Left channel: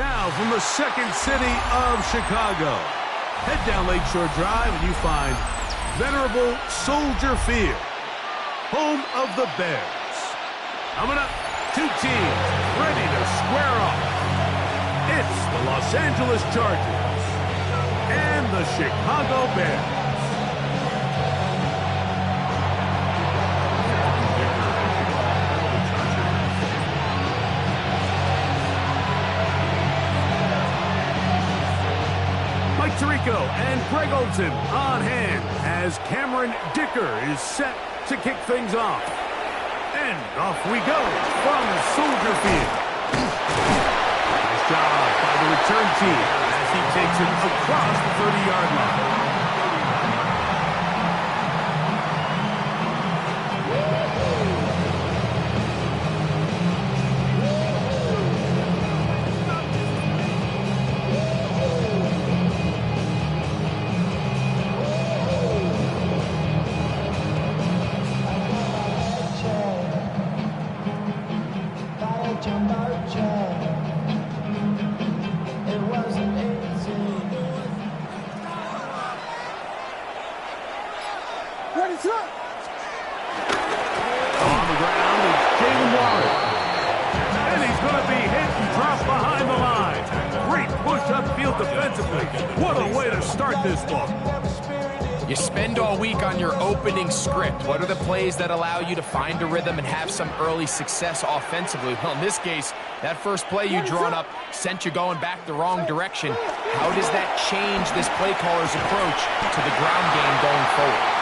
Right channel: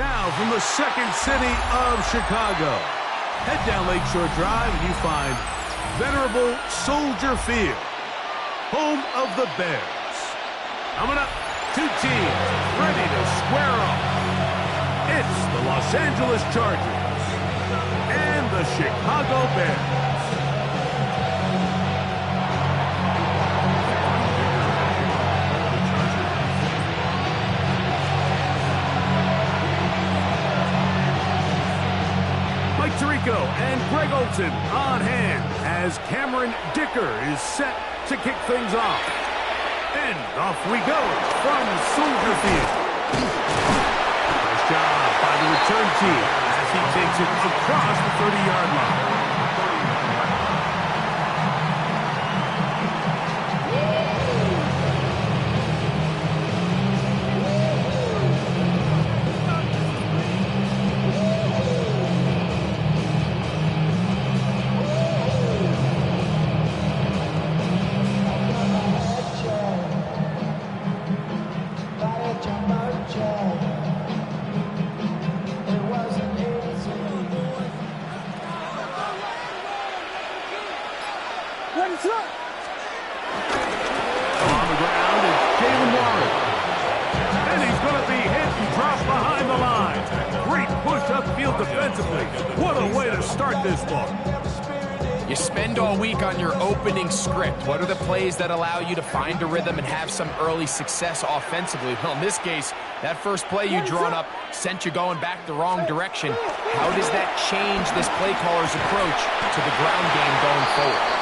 Now from the second city of Chicago, head down Lakeshore Drive and you find venerable Soldier Field, home of the Bears. Coming up, two teams ready to square off. It's the Los Angeles Chargers and the Chicago Bears. Mike Tirico and Greg Olson on hand as Cameron Dicker is set to kick things off. And off we go from Soldier Field. Nice job by the return team as he takes it across the 30-yard line. On the ground is Jalen Warren. And he's going to be hit and drop behind the line. Great push upfield defensively. What a way to start this one. You spend all week on your opening script. What are the plays that allow you to find a rhythm and have some early success offensively? Well, in this case, that first play you drawn up sent you going back the wrong direction. How does that change this play caller's approach to the ground game going forward?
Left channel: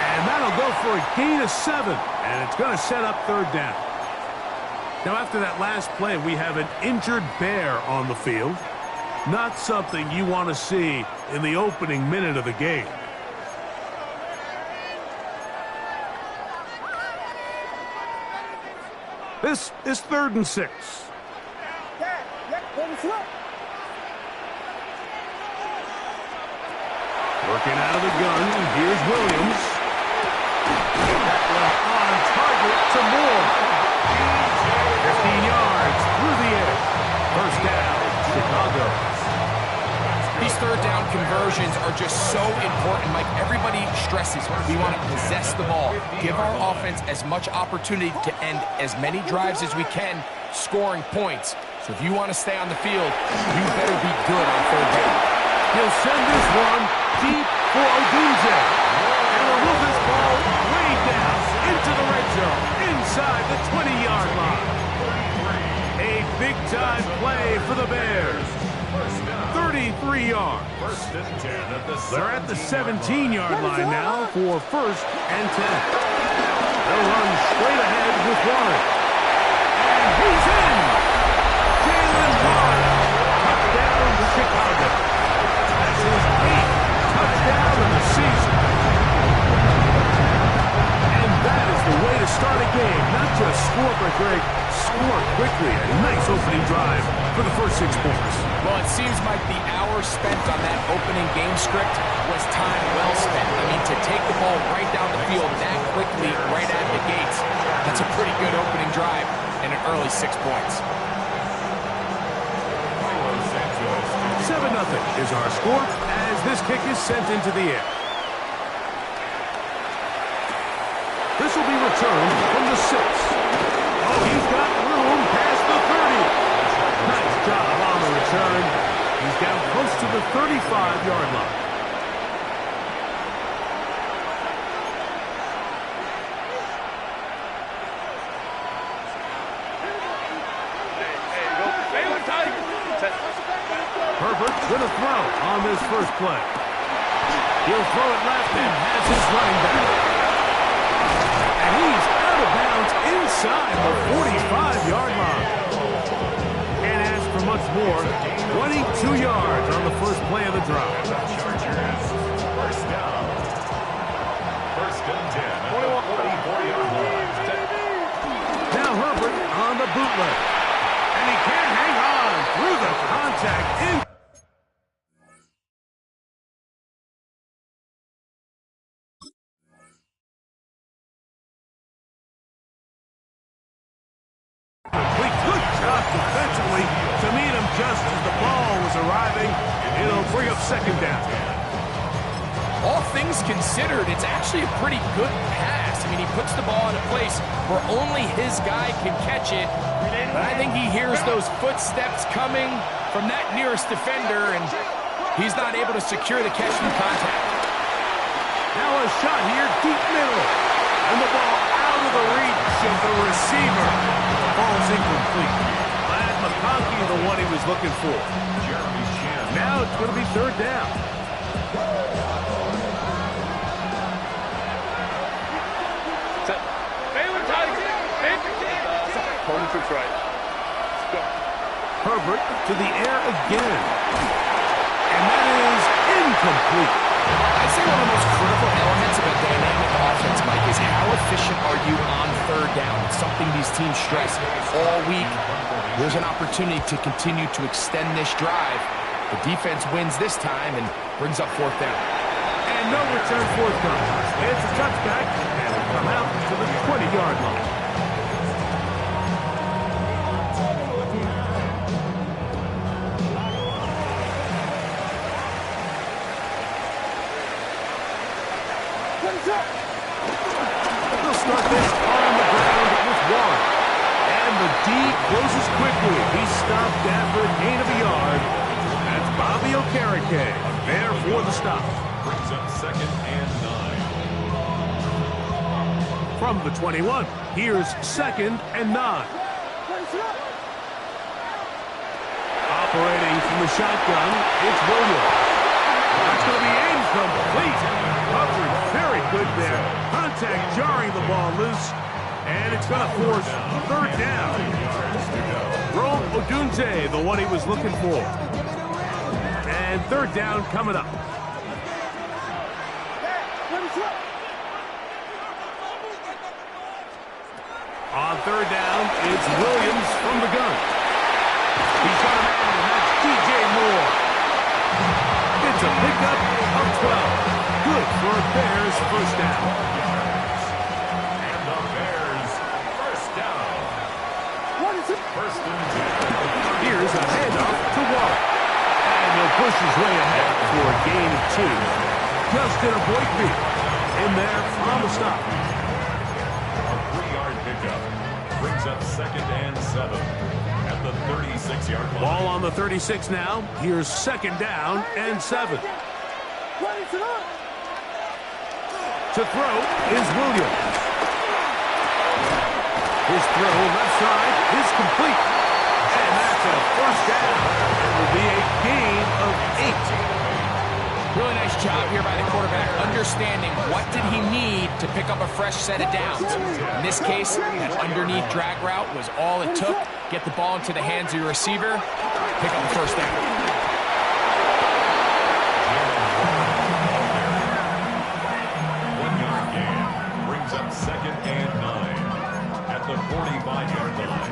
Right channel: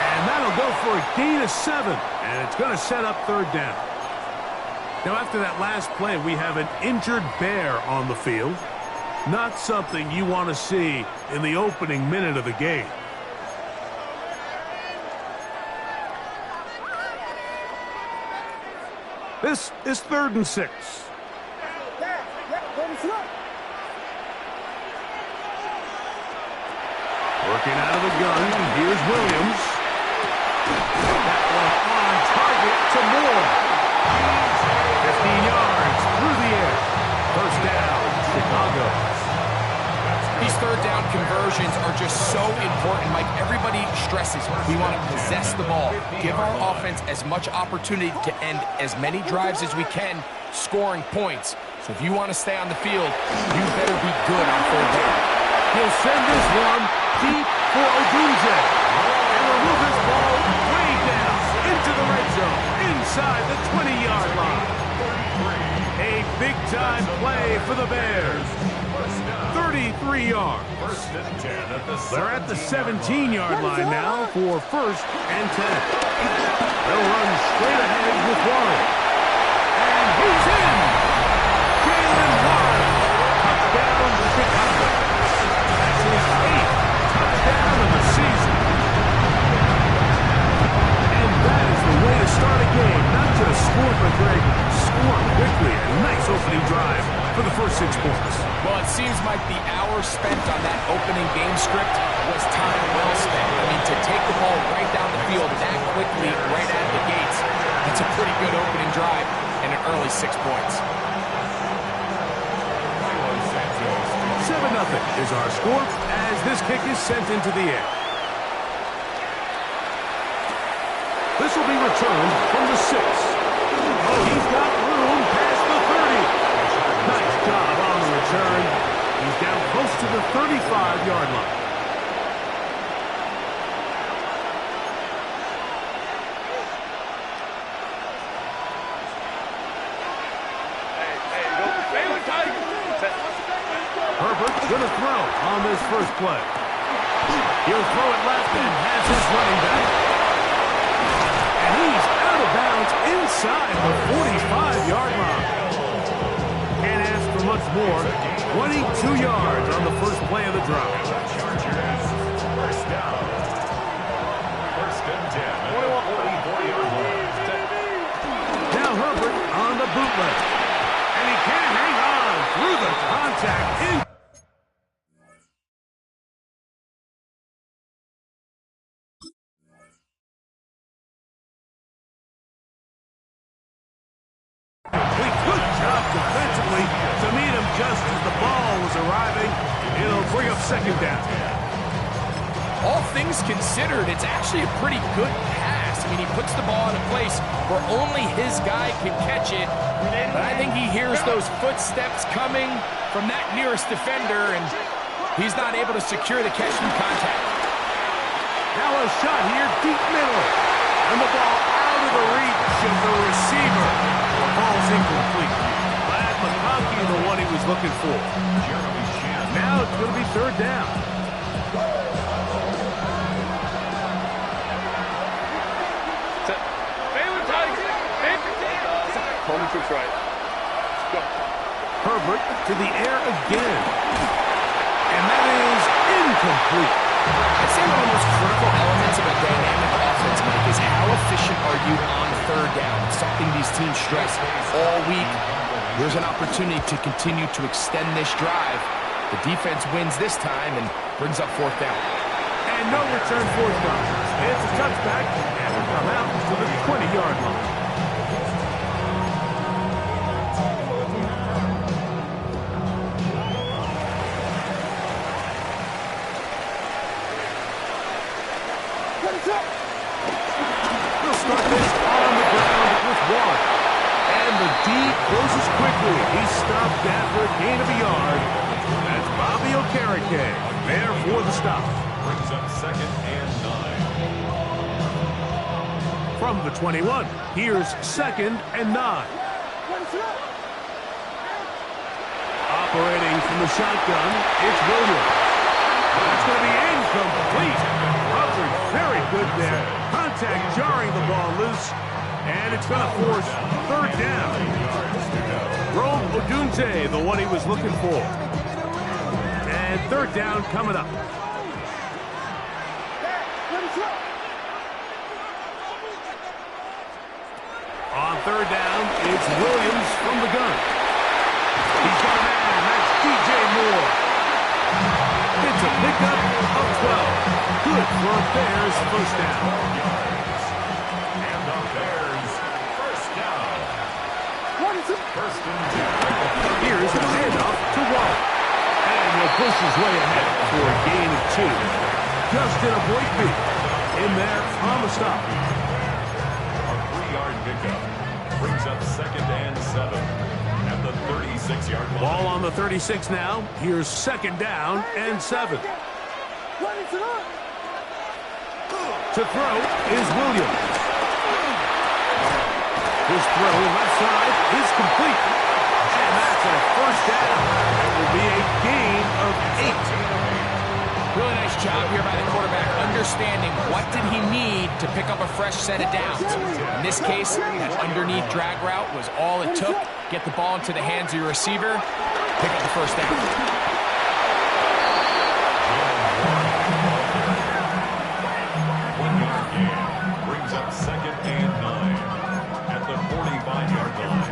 And that'll go for a gain of 7, and it's going to set up third down. Now, after that last play, we have an injured Bear on the field. Not something you want to see in the opening minute of the game. This is 3rd and 6. Working out of the gun, here's Williams. That one on target to Moore. 15 yards through the air. First down, Chicago. These third down conversions are just so important, Mike. Everybody stresses we want to possess the ball, give our offense as much opportunity to end as many drives as we can, scoring points. So if you want to stay on the field, you better be good on third down. He'll send this one deep for Odunze. And will move this ball way down into the red zone, inside the 20-yard line. A big-time play for the Bears. 33 yards. They're at the 17-yard line now for 1st and 10. They'll run straight ahead with Warren. And he's in! Jalen Warren. Touchdown to Chicago. That's his 8th touchdown of the season. And that is the way to start a game. Not just score, but Greg, score quickly. A nice opening drive for the first 6 points. Well, it seems like the hour spent on that opening game script was time well spent. I mean, to take the ball right down the field that quickly, right out of the gates, that's a pretty good opening drive and an early 6 points. 7-0 is our score as this kick is sent into the air. This will be returned from the 6. Oh, he's got room past the 30. Nice job on the return. He's down close to the 35-yard line. Herbert's going to throw on this first play. He'll throw it left and has his running back. And he's out of bounds inside the 45-yard line. Can't ask for much more. 22 yards on the first play of the drive. First down. 1st and 10. 40-yard line. Now Herbert on the bootleg. And he can't hang on through the contact in. Complete to Good job defensively to meet him just as the ball was arriving. It'll bring up second down. All things considered, it's actually a pretty good pass. I mean, he puts the ball in a place where only his guy can catch it. But I think he hears those footsteps coming from that nearest defender, and he's not able to secure the catch through contact. Now a shot here, deep middle. And the ball out of the reach of the receiver. The ball's incomplete. Glad McConkey, the one he was looking for. Now it's going to be third down. Right. Go. Herbert to the air again. And that is incomplete. I'd say one of the most critical elements of a dynamic offense, Mike, is how efficient are you on third down? It's something these teams stress all week. There's an opportunity to continue to extend this drive. The defense wins this time and brings up fourth down. And no return forthcoming. It's a touchback, and will come out to the 20-yard line. We'll start this on the ground with Warren. And the D closes quickly. He's stopped after a gain of a yard. That's Bobby Okereke there for the stop. Brings up second and 9. From the 21, here's second and 9. Operating from the shotgun, it's Williams. That's going to be incomplete. Coverage very good there. Contact jarring the ball loose. And it's going to force third down. Rome Odunze, the one he was looking for. And third down coming up. On third down, it's Williams from the gun. He's got a man. That's DJ Moore. It's a pickup of 12. Good for a Bears first down. And the Bears first down. First and 10. Here's a handoff to Waller. And he'll push his way ahead for a gain of 2. Justin Aboigbe in there on the stop. A 3-yard pickup. Brings up second and 7 at the 36-yard line. Ball on the 36 now. Here's second down and 7. To throw is Williams. His throw left side is complete. And that's a first down. It will be a gain of 8. Really nice job here by the quarterback, understanding what did he need to pick up a fresh set of downs. In this case, that underneath drag route was all it took. Get the ball into the hands of your receiver, pick up the first down. 1-yard gain. Brings up second and 9 at the 45-yard line.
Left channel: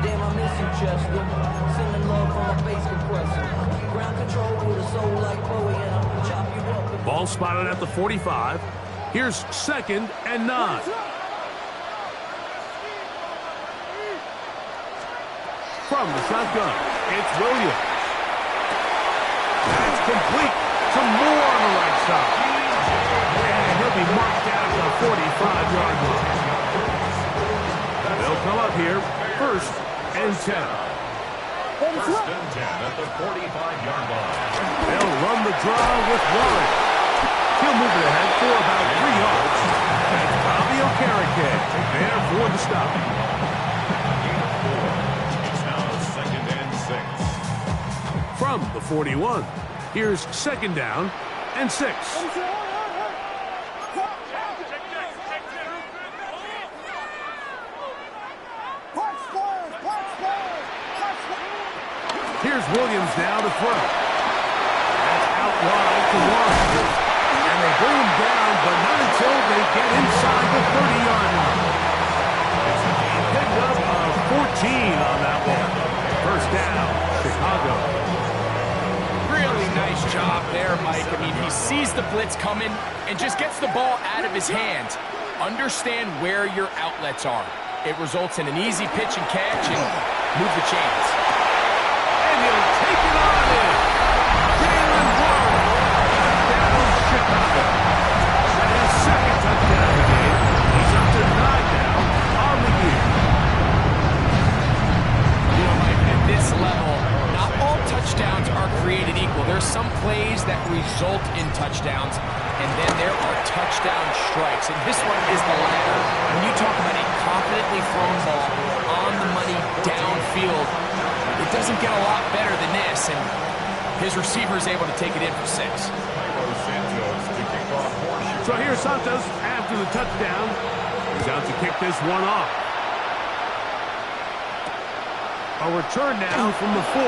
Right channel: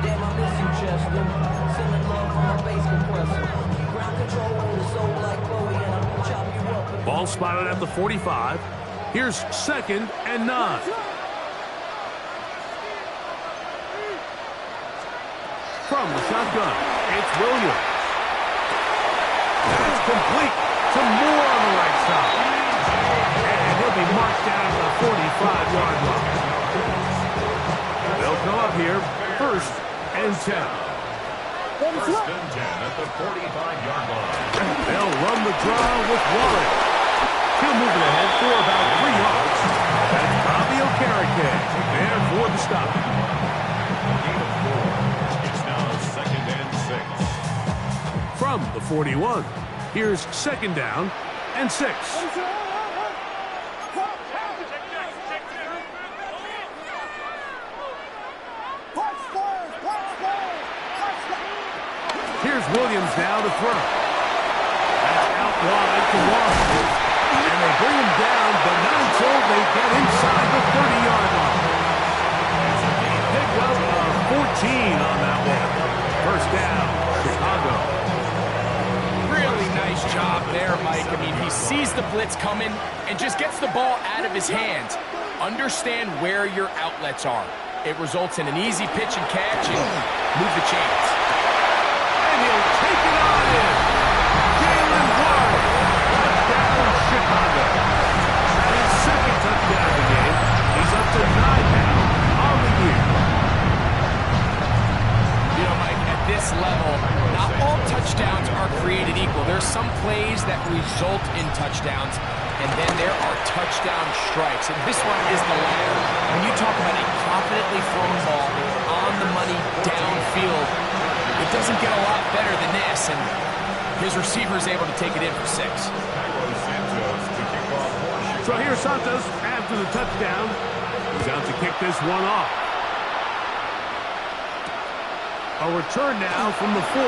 Damn, I miss you, Chester. Sending love from my bass compressor. Ground control with a soul like Bowie, and I'll chop you up. Ball spotted at the 45. Here's second and 9. From the shotgun, it's Williams. That's complete to Moore on the right side. And he'll be marked down at the 45-yard line. They'll come up here, first and 10. First and 10 at the 45-yard line. They'll run the draw with Warren. He'll move it ahead for about 3 yards. That's Bobby Okereke there for the stop. A gain of 4. It's now second and 6. From the 41, here's second down and 6. Here's Williams now to throw. That's out wide to Warren. And they bring him down, but not until they get inside the 30-yard line. It's a pickup of 14 on that one. First down, Chicago. Really nice job there, Mike. I mean, he sees the blitz coming and just gets the ball out of his hands. Understand where your outlets are. It results in an easy pitch and catch and move the chains. And he'll take it on in. Jalen Warren. Touchdown, Chicago. That is second touchdown of the game. He's up to 9 now on the year. You know, Mike, at this level, not all touchdowns are created equal. There's some plays that result in touchdowns, and then there are touchdown strikes. And this one is the latter. When you talk about a confidently thrown ball on the money downfield, it doesn't get a lot better than this, and his receiver is able to take it in for 6. So here's Santos after the touchdown. He's out to kick this one off. A return now from the 4.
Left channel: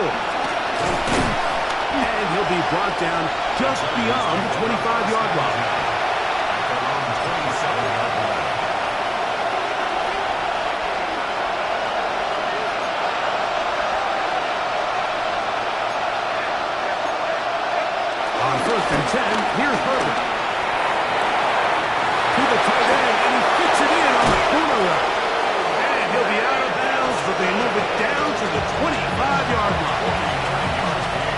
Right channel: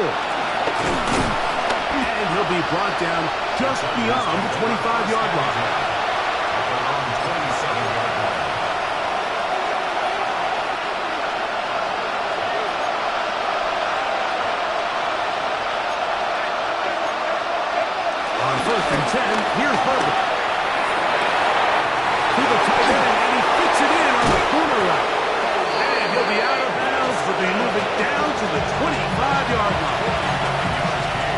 And he'll be brought down just beyond the 25-yard line. Around the 27-yard line. On 1st and 10, here's Herbert. To the tight end, and he fits it in on the corner route. And he'll be out of bounds, but they move it down to the 25-yard line.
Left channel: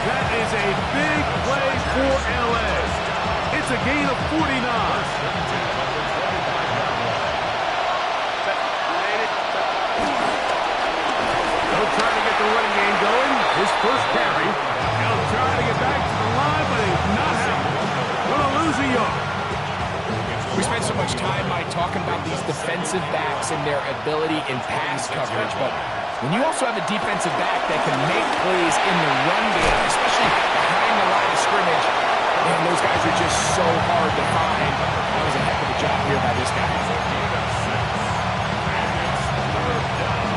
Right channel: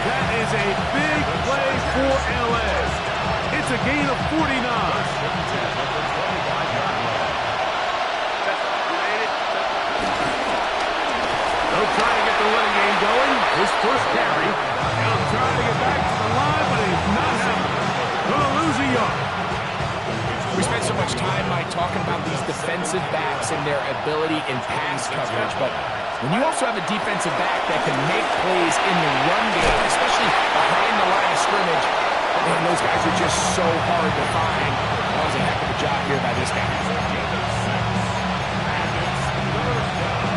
That is a big play for L.A. It's a gain of 49. They'll try to get the running game going. His first carry. He'll try to get back to the line, but he's not happening. Gonna lose a yard. We spent so much time, Mike, talking about these defensive backs and their ability in pass coverage, but when you also have a defensive back that can make plays in the run game, especially behind the line of scrimmage, man, those guys are just so hard to find. That was a heck of a job here by this guy. And it's 3rd down.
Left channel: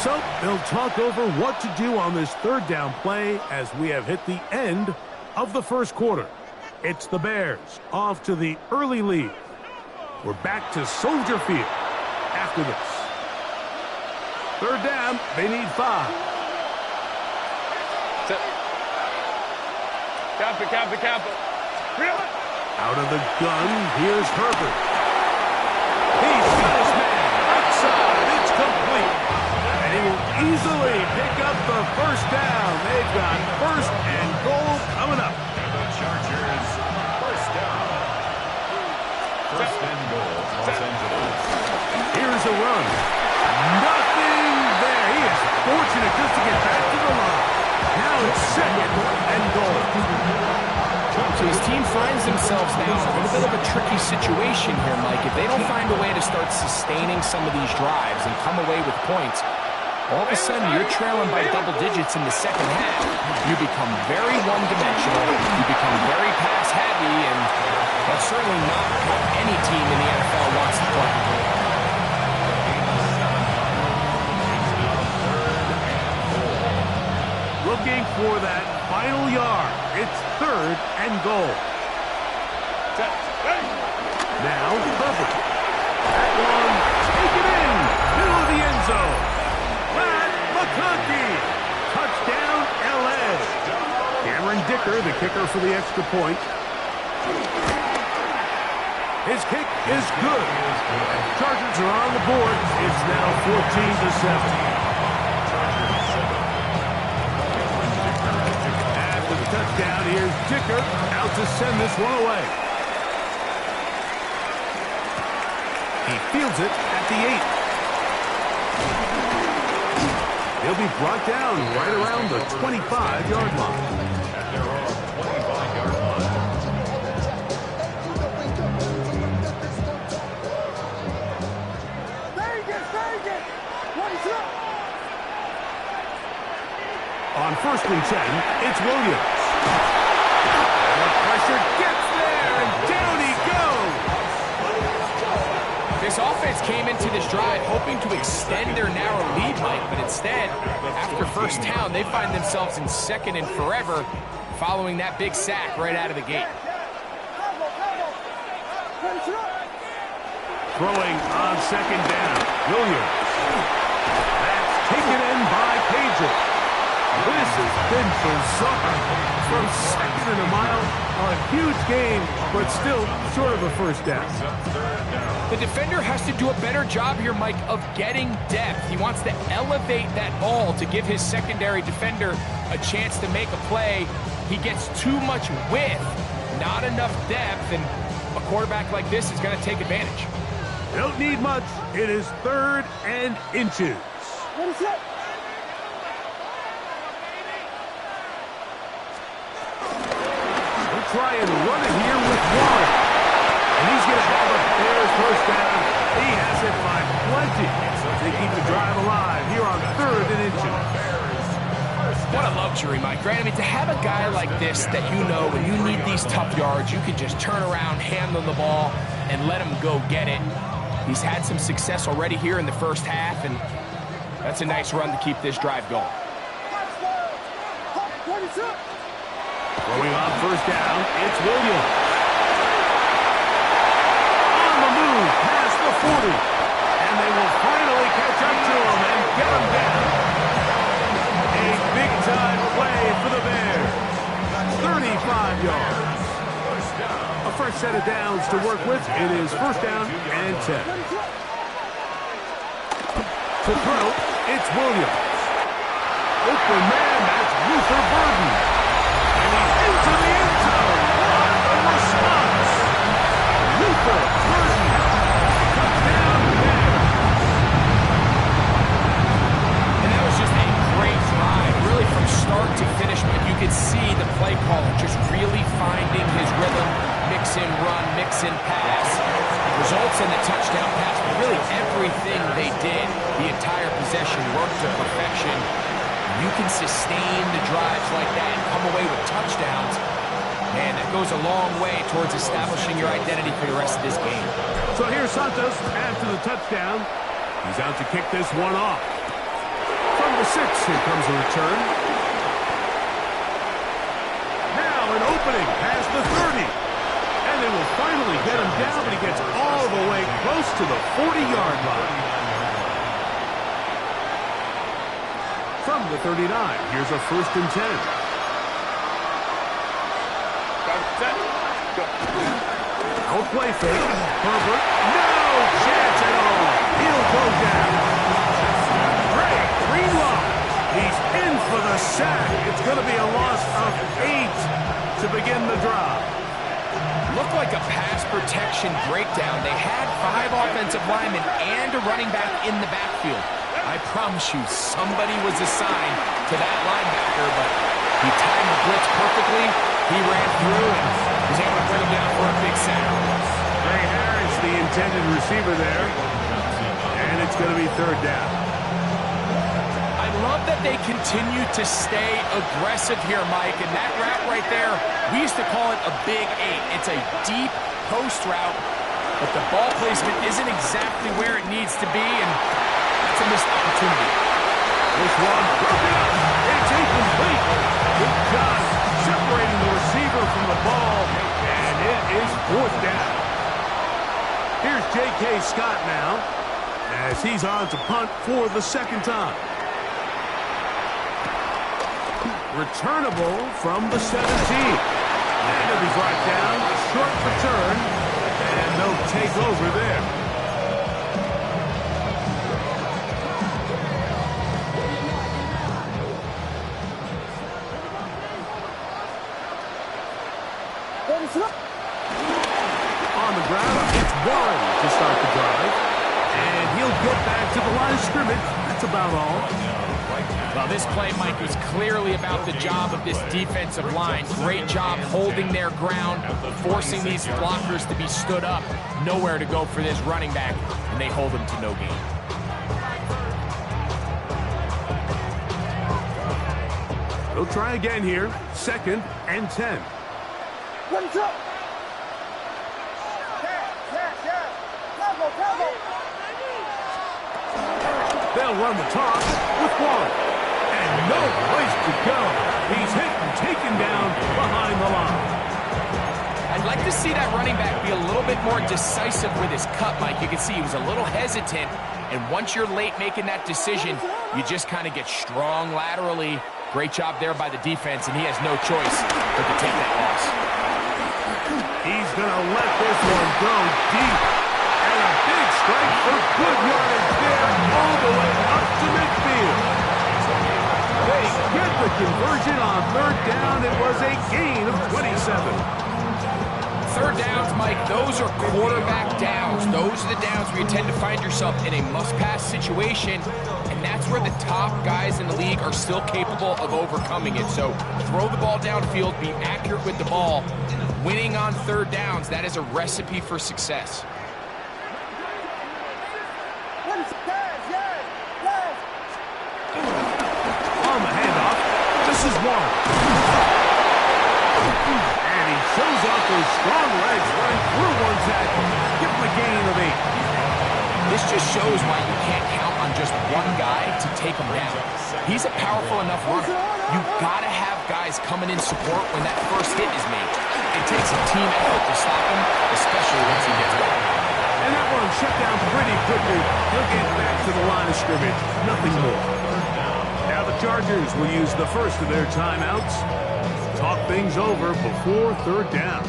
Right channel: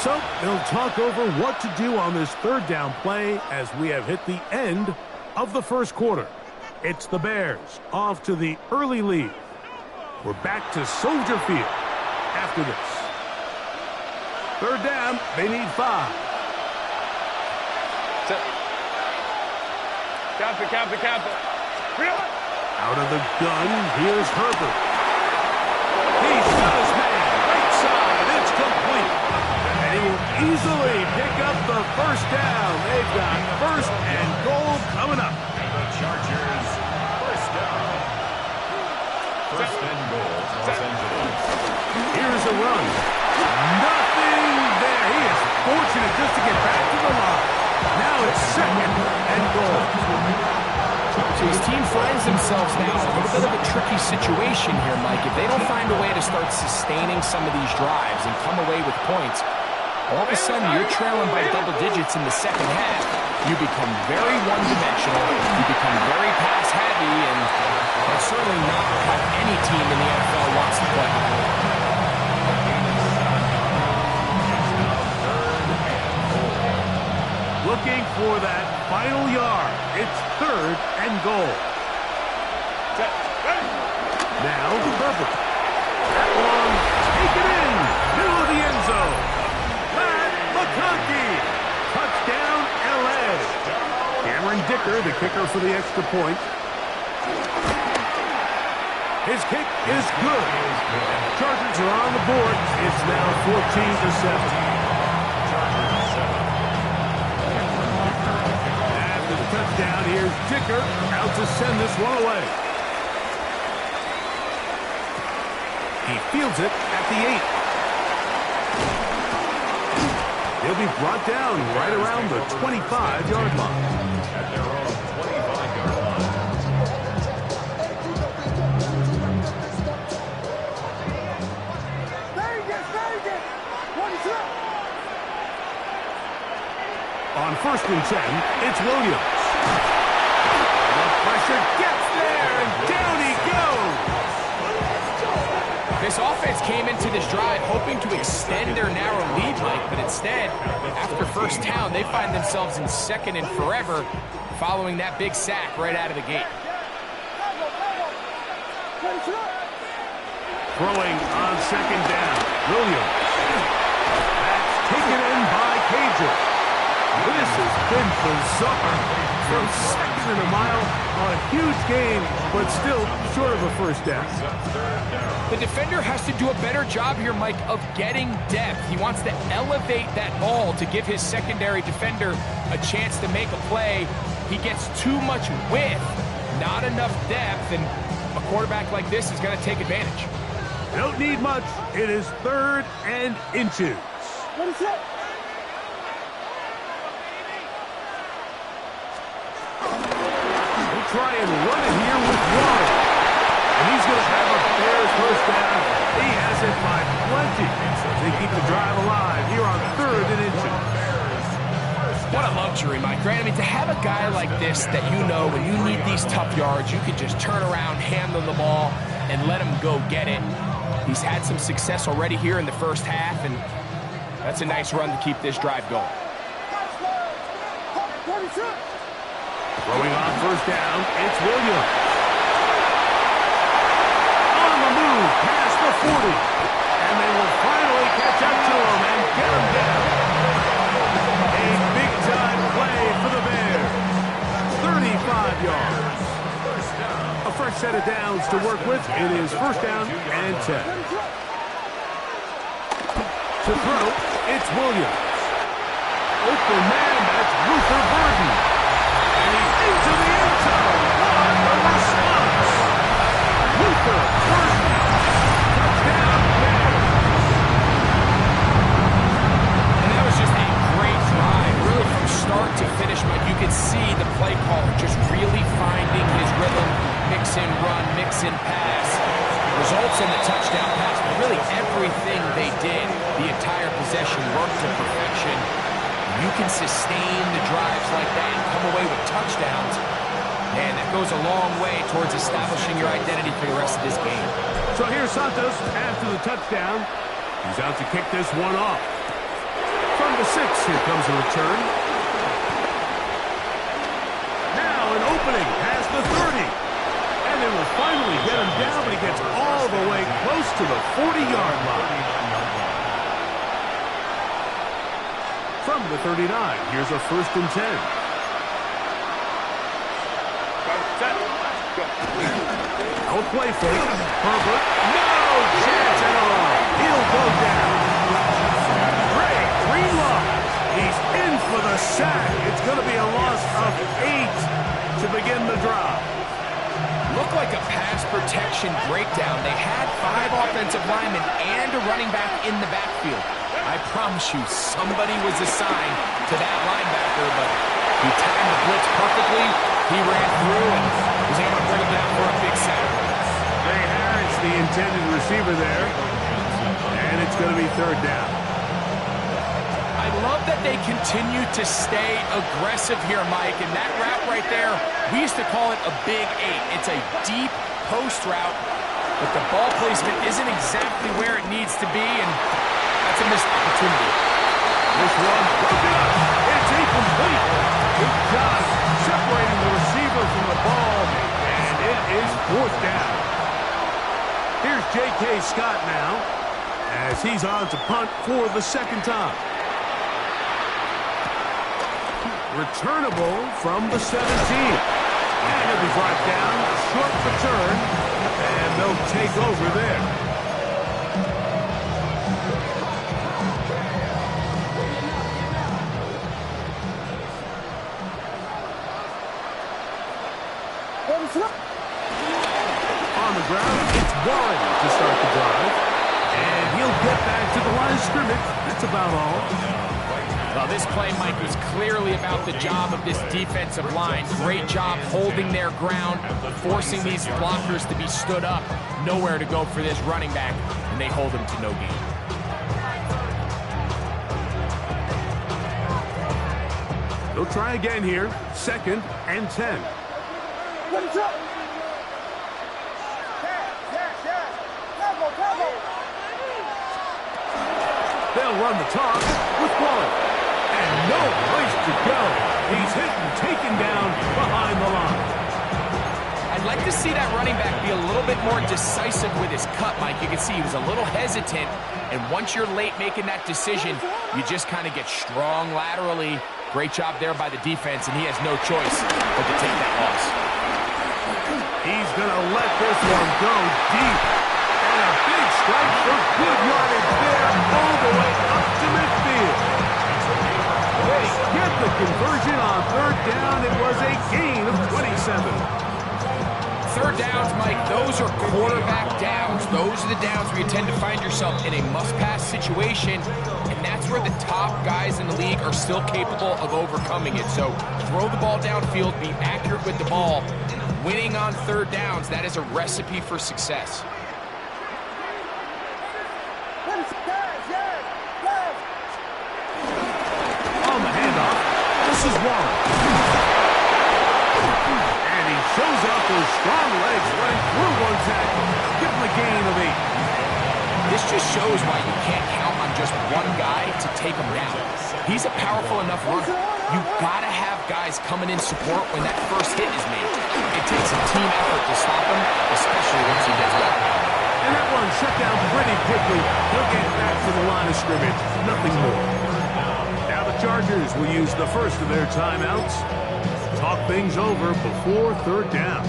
So they'll talk over what to do on this 3rd down play as we have hit the end of the first quarter. It's the Bears off to the early lead. We're back to Soldier Field after this. 3rd down, they need 5. Camper. Out of the gun, here's Herbert. He's got his man, right side, it's complete. And he will easily pick up the 1st down. They've got 1st and goal coming up. And the Chargers, 1st down. 1st and goal, Los Angeles. Here's a run. Nothing there. He is fortunate just to get back to the line. Now it's 2nd and goal. So his team finds themselves now in a little bit of a tricky situation here, Mike. If they don't find a way to start sustaining some of these drives and come away with points, all of a sudden you're trailing by double digits in the second half. You become very one-dimensional. You become very pass-heavy, and that's certainly not how any team in the NFL wants to play. Looking for that final yard. It's 3rd and goal. Now Herbert. That one, take it in. Middle of the end zone. Matt McConkey. Touchdown, L.A. Cameron Dicker, the kicker for the extra point. His kick is good. And the Chargers are on the board. It's now 14-7. After the touchdown, here's Dicker out to send this one away. He fields it at the 8. He'll be brought down right around the 25-yard line. At their own 25-yard line. On 1st and 10, it's Williams. And the pressure gets there, and down he goes. This offense came into this drive hoping to extend their narrow lead, Mike, but instead, after 1st down, they find themselves in 2nd and forever following that big sack right out of the gate. Throwing on 2nd down, Williams. That's taken in by Cager. This has been bizarre. From second and a mile, a huge game, but still short of a first down. The defender has to do a better job here, Mike, of getting depth. He wants to elevate that ball to give his secondary defender a chance to make a play. He gets too much width, not enough depth, and a quarterback like this is going to take advantage. Don't need much. It is 3rd and inches. What is that? We'll try and run it here with Warren. And he's going to have a Bears first down. He has it by plenty. They keep the drive alive here on 3rd and inches. What a luxury, Mike. Grant, I mean, to have a guy like this that you know when you need these tough yards, you can just turn around, hand them the ball, and let him go get it. He's had some success already here in the first half, and that's a nice run to keep this drive going. Throwing on first down, it's Williams. On the move, past the 40. And they will finally catch up to him and get him down. A big-time play for the Bears. 35 yards. A fresh set of downs to work with. It is first down and 10. To throw, it's Williams. Open man, that's Luther Burden. And he's into the end zone. What a response. Luther Burden. Touchdown, Bears. And that was just a great drive. Really from start to finish, Mike, you could see the play caller just really finding his rhythm. Mix in run, mix in pass. Results in the touchdown pass, but really everything they did, the entire possession worked to perfection. You can sustain the drives like that and come away with touchdowns, and that goes a long way towards establishing your identity for the rest of this game. So here's Santos after the touchdown. He's out to kick this one off. From the 6, here comes a return. Now an opening past the 30. And they will finally get him down, but he gets all the way close to the 40-yard line. From the 39, here's a 1st and 10. Out play fake. Herbert, no chance at all. He'll go down. Great, Greenlaw. He's in for the sack. It's going to be a loss of 8 to begin the drive. Looked like a pass protection breakdown. They had 5 offensive linemen and a running back in the backfield. I promise you, somebody was assigned to that linebacker, but he timed the blitz perfectly. He ran through and was able to bring him down for a big sack. Ray Harris, the intended receiver there, and it's going to be 3rd down. I love that they continue to stay aggressive here, Mike, and that route right there, we used to call it a big 8. It's a deep post route, but the ball placement isn't exactly where it needs to be, and that's a missed opportunity. This one broken up. It's incomplete. Good job separating the receiver from the ball, and it is 4th down. Here's J.K. Scott now, as he's on to punt for the 2nd time. Returnable from the 17. And he'll be brought down, short return, and they'll take over there. On the ground, it's Warren to start the drive. And he'll get back to the line of scrimmage. That's about all. Well, this play, Mike, was clearly about the job of this defensive line. Great job holding their ground, forcing these blockers to be stood up. Nowhere to go for this running back, and they hold him to no gain. They'll try again here. 2nd and 10. What's up? They'll run the toss with Warren. And no place to go. He's hit and taken down behind the line. I'd like to see that running back be a little bit more decisive with his cut, Mike. You can see he was a little hesitant, and once you're late making that decision, you just kind of get strong laterally, Great job there by the defense, and he has no choice but to take that loss. He's going to let this one go deep. And a big strike for good yardage there all the way up to midfield. They get the conversion on third down. It was a gain of 27. Third downs, Mike, those are quarterback downs. Those are the downs where you tend to find yourself in a must-pass situation, and that's where the top guys in the league are still capable of overcoming it. So throw the ball downfield, be accurate with the ball. Winning on third downs, that is a recipe for success. On the handoff, this is Warren. And he shows off those strong legs running through one tackle. Give him a gain of 8. This just shows why you can't count on just one guy to take him down. He's a powerful enough runner. You've got to have guys coming in support when that first hit is made. It takes a team effort to stop him, especially once he gets going. And that one shut down pretty quickly. He'll get back to the line of scrimmage. Nothing more. Now the Chargers will use the first of their timeouts. Talk things over before third down.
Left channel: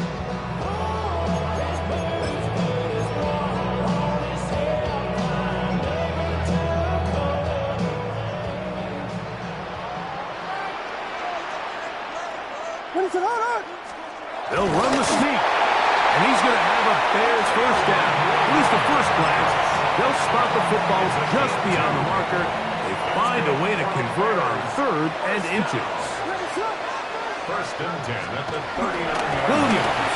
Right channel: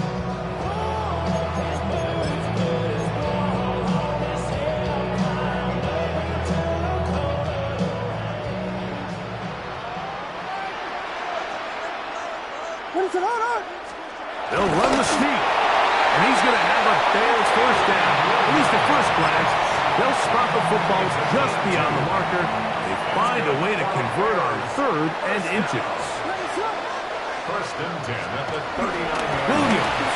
They'll run the sneak. And he's going to have a Bears first down. At least at first glance, they'll spot the football just beyond the marker. They find a way to convert on third and inches. First and 10 at the 39-yard line. Williams.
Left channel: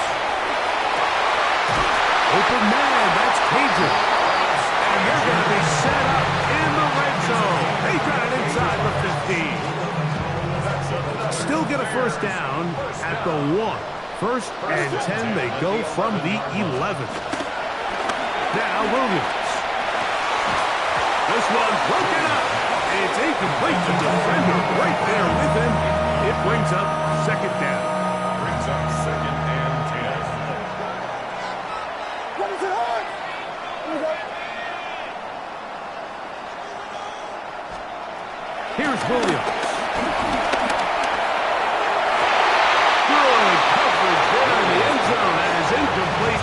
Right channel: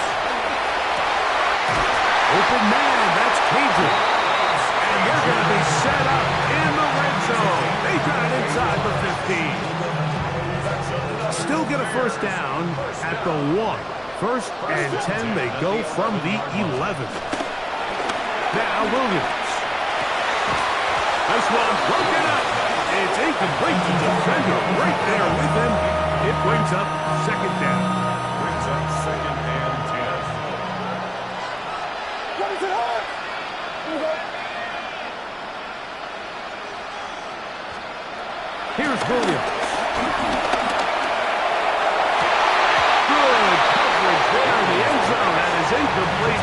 Open man, that's Cajun. And they're going to be set up in the red zone. They got it inside the 15. Still get a first down at the 1. First and 10, they go from the 11. Now Williams. This one broken up. It's incomplete to defender right there with him. It brings up second down. Brings up second and 10. What is it on? Here's Williams. Good coverage there in the end zone. That is incomplete.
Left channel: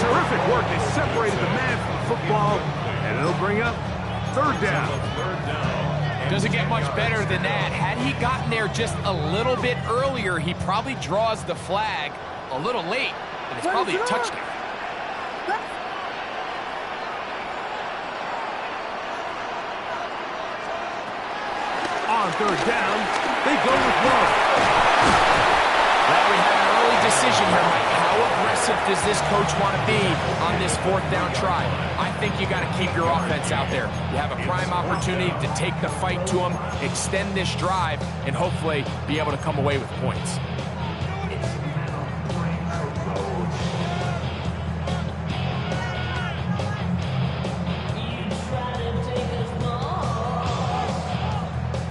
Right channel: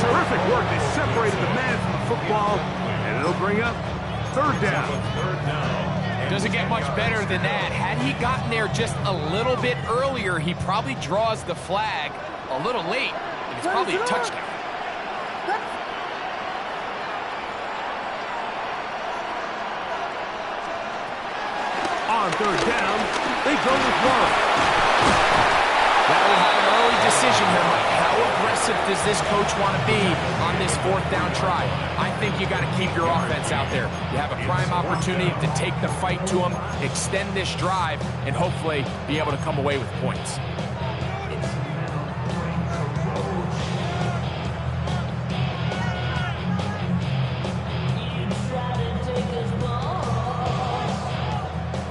Terrific work. They separated the man from the football, and it'll bring up third down. Doesn't get much better than that. Had he gotten there just a little bit earlier, he probably draws the flag a little late, and it's probably a touchdown. On third down, they go with Warren. Well, we have an early decision here, Mike. How aggressive does this coach want to be on this fourth down try? I think you got to keep your offense out there. You have a prime opportunity to take the fight to them, extend this drive, and hopefully be able to come away with points.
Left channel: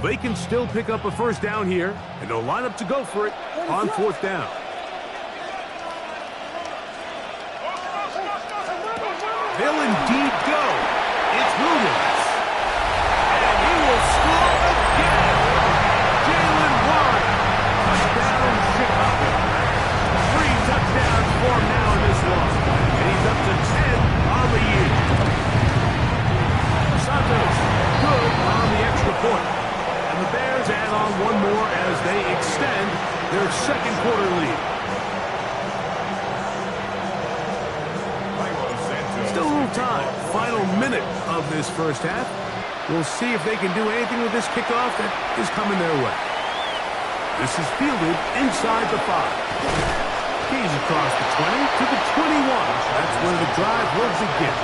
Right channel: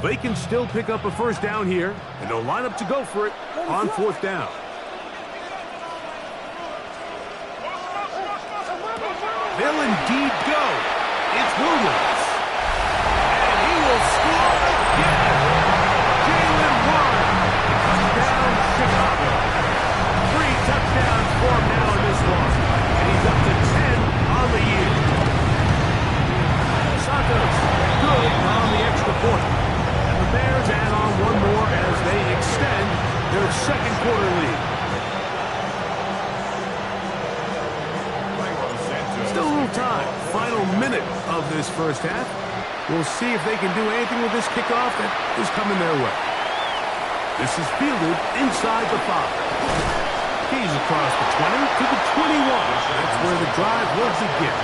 They can still pick up a first down here, and they'll line up to go for it on fourth down. They'll indeed go. It's Williams. And he will score again. Jalen Warren. Touchdown, Chicago. 3 touchdowns for him now in this one. And he's up to 10 on the year. Santos, good on the extra point. And the Bears add on one more as they extend their second quarter lead. Still a little time. Final minute of this first half. We'll see if they can do anything with this kickoff that is coming their way. This is fielded inside the 5. Keys across the 20 to the 21. That's where the drive will begin.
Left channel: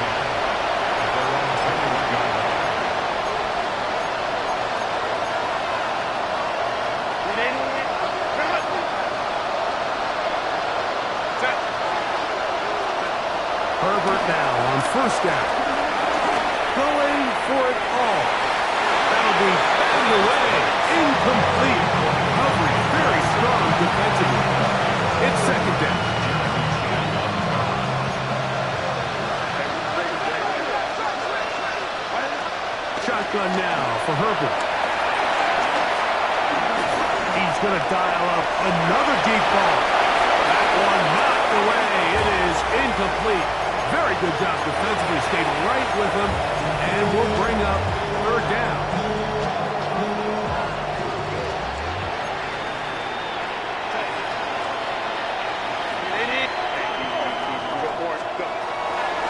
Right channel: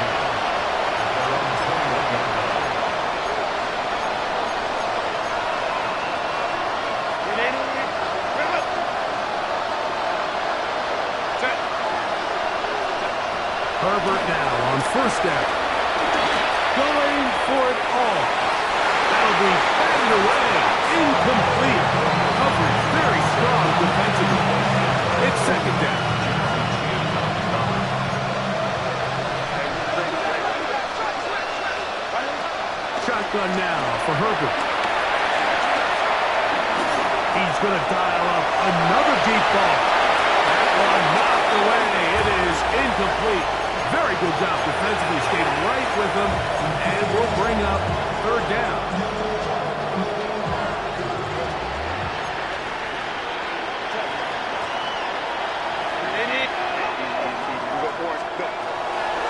Herbert now on first down. Going for it all. That'll be batted away. Incomplete. Coverage very strong defensively. It's second down. Shotgun now for Herbert. He's going to dial up another deep ball. That one knocked away. It is incomplete. Very good job defensively. Stayed right with him, and will bring up third down.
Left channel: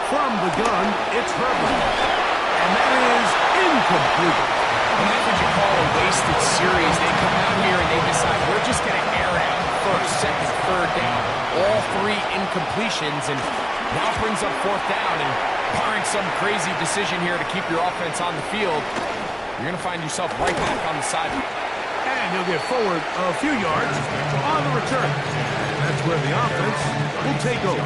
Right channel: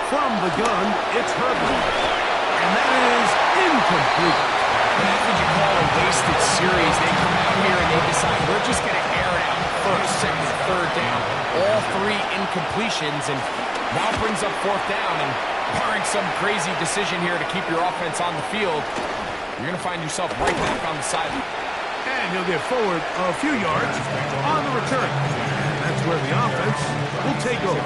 From the gun, it's Herbert. And that is incomplete. And that's what you call a wasted series. They come out here and they decide, we're just going to air it out first, second, third down. All three incompletions, and now brings up fourth down. And barring some crazy decision here to keep your offense on the field, you're going to find yourself right back on the sideline. And he'll get forward a few yards on the return. And that's where the offense will take over.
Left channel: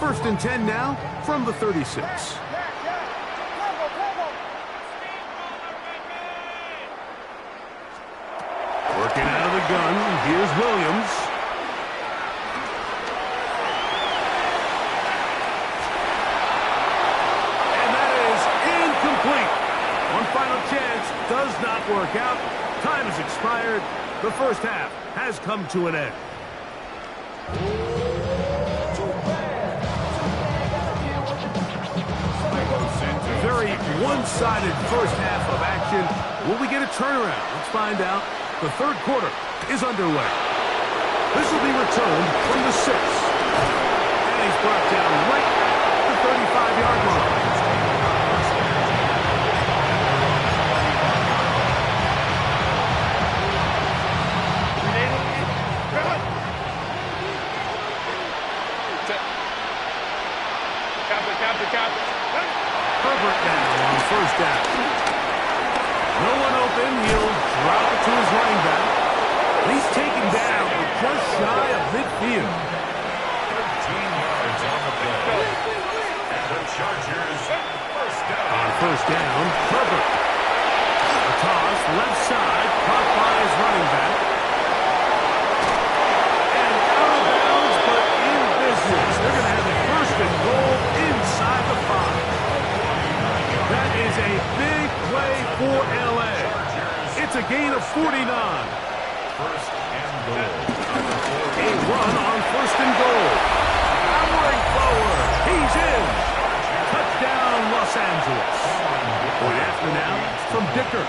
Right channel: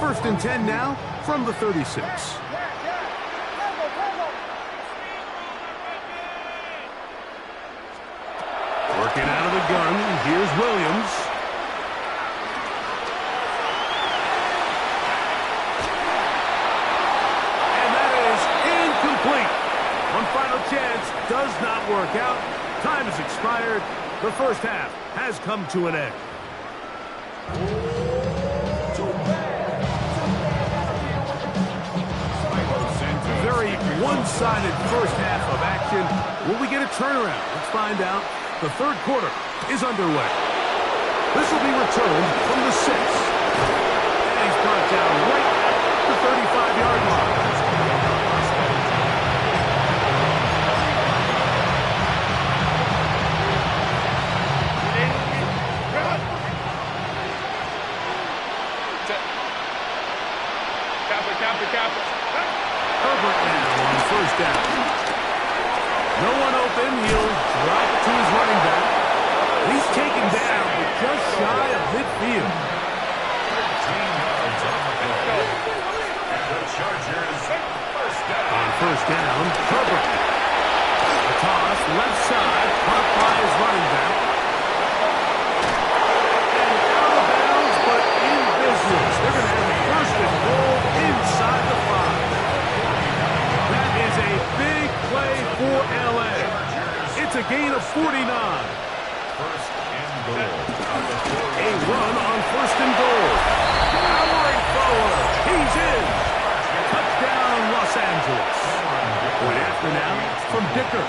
First and 10 now from the 36. Working out of the gun, here's Williams. And that is incomplete. One final chance does not work out. Time has expired. The first half has come to an end. Very one-sided first half of action. Will we get a turnaround? Let's find out. The third quarter is underway. This will be returned from the 6. And he's brought down right at the 35-yard line. Herbert now on first down. No one open. He'll drop it to his running back. He's taken down but just shy of midfield. 13 yards on the play. And the Chargers first down. On first down, Herbert. A toss, left side, caught by his running back. And out of bounds, but in business. They're going to have a first and goal inside the 5. That is a big play for L.A. It's a gain of 49. First and goal. A run on first and goal. Powering forward. He's in. Touchdown, Los Angeles. Point after now from Dicker.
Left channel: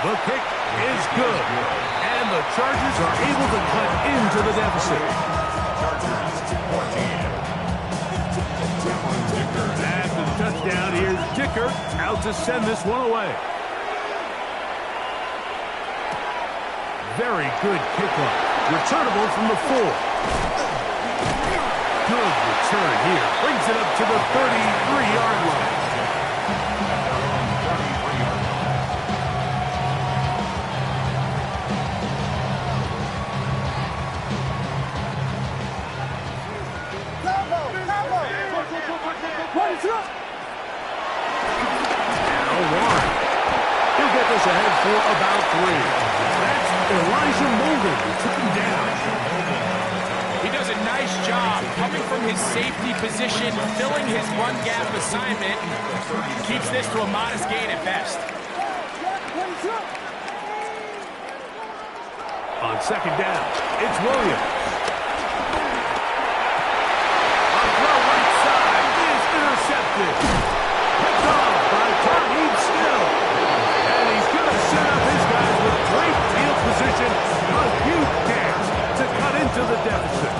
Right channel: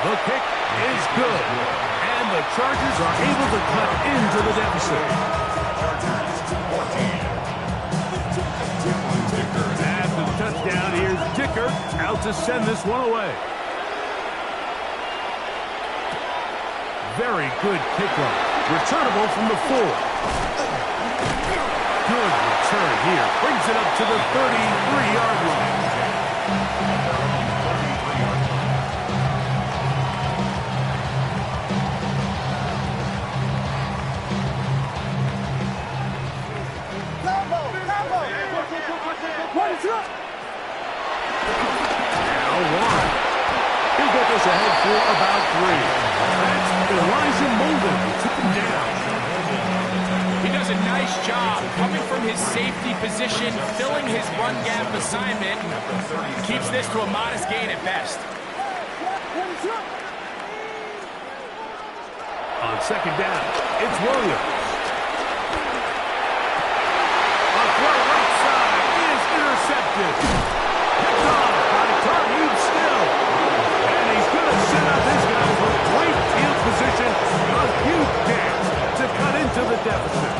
The kick is good. And the Chargers are able to cut into the deficit. Chargers 14. After the touchdown, here's Dicker out to send this one away. Very good kickoff. Returnable from the 4. Good return here. Brings it up to the 33-yard line. Now Warren. He'll get this ahead for about 3. That's Elijah Molden who took him down. He does a nice job coming from his safety position, filling his run gap assignment, and keeps this to a modest gain at best. On second down, it's Williams. A throw right side is intercepted. Picked off by Tarheeb Still. And he's going to set up his guys with great field position. A huge chance to cut into the deficit.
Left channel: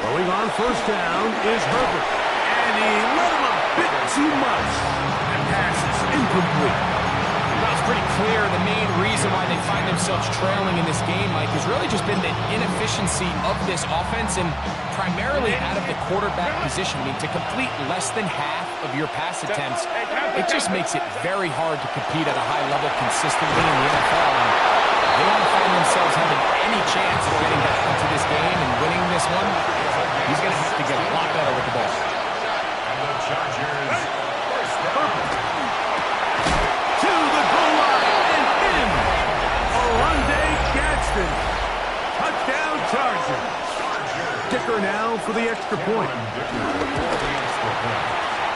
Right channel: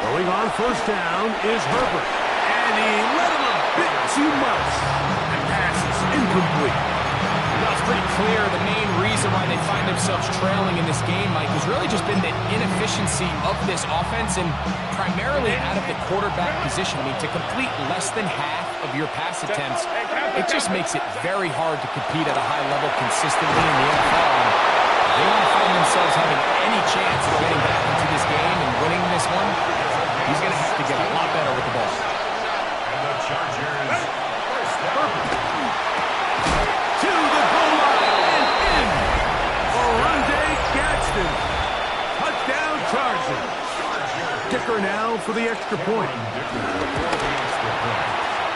Throwing on first down is Herbert. And he let him a bit too much. And passes incomplete. Well, it's pretty clear the main reason why they find themselves trailing in this game, Mike, has really just been the inefficiency of this offense and primarily out of the quarterback position. I mean, to complete less than half of your pass attempts, it just makes it very hard to compete at a high level consistently in the NFL. And they want to find themselves having any chance of getting back into this game and winning this one, he's going to have to get a lot better with the ball. And the Chargers first down. To the goal line and in. Oronde Gadsden. Touchdown Chargers. Dicker now for the extra point.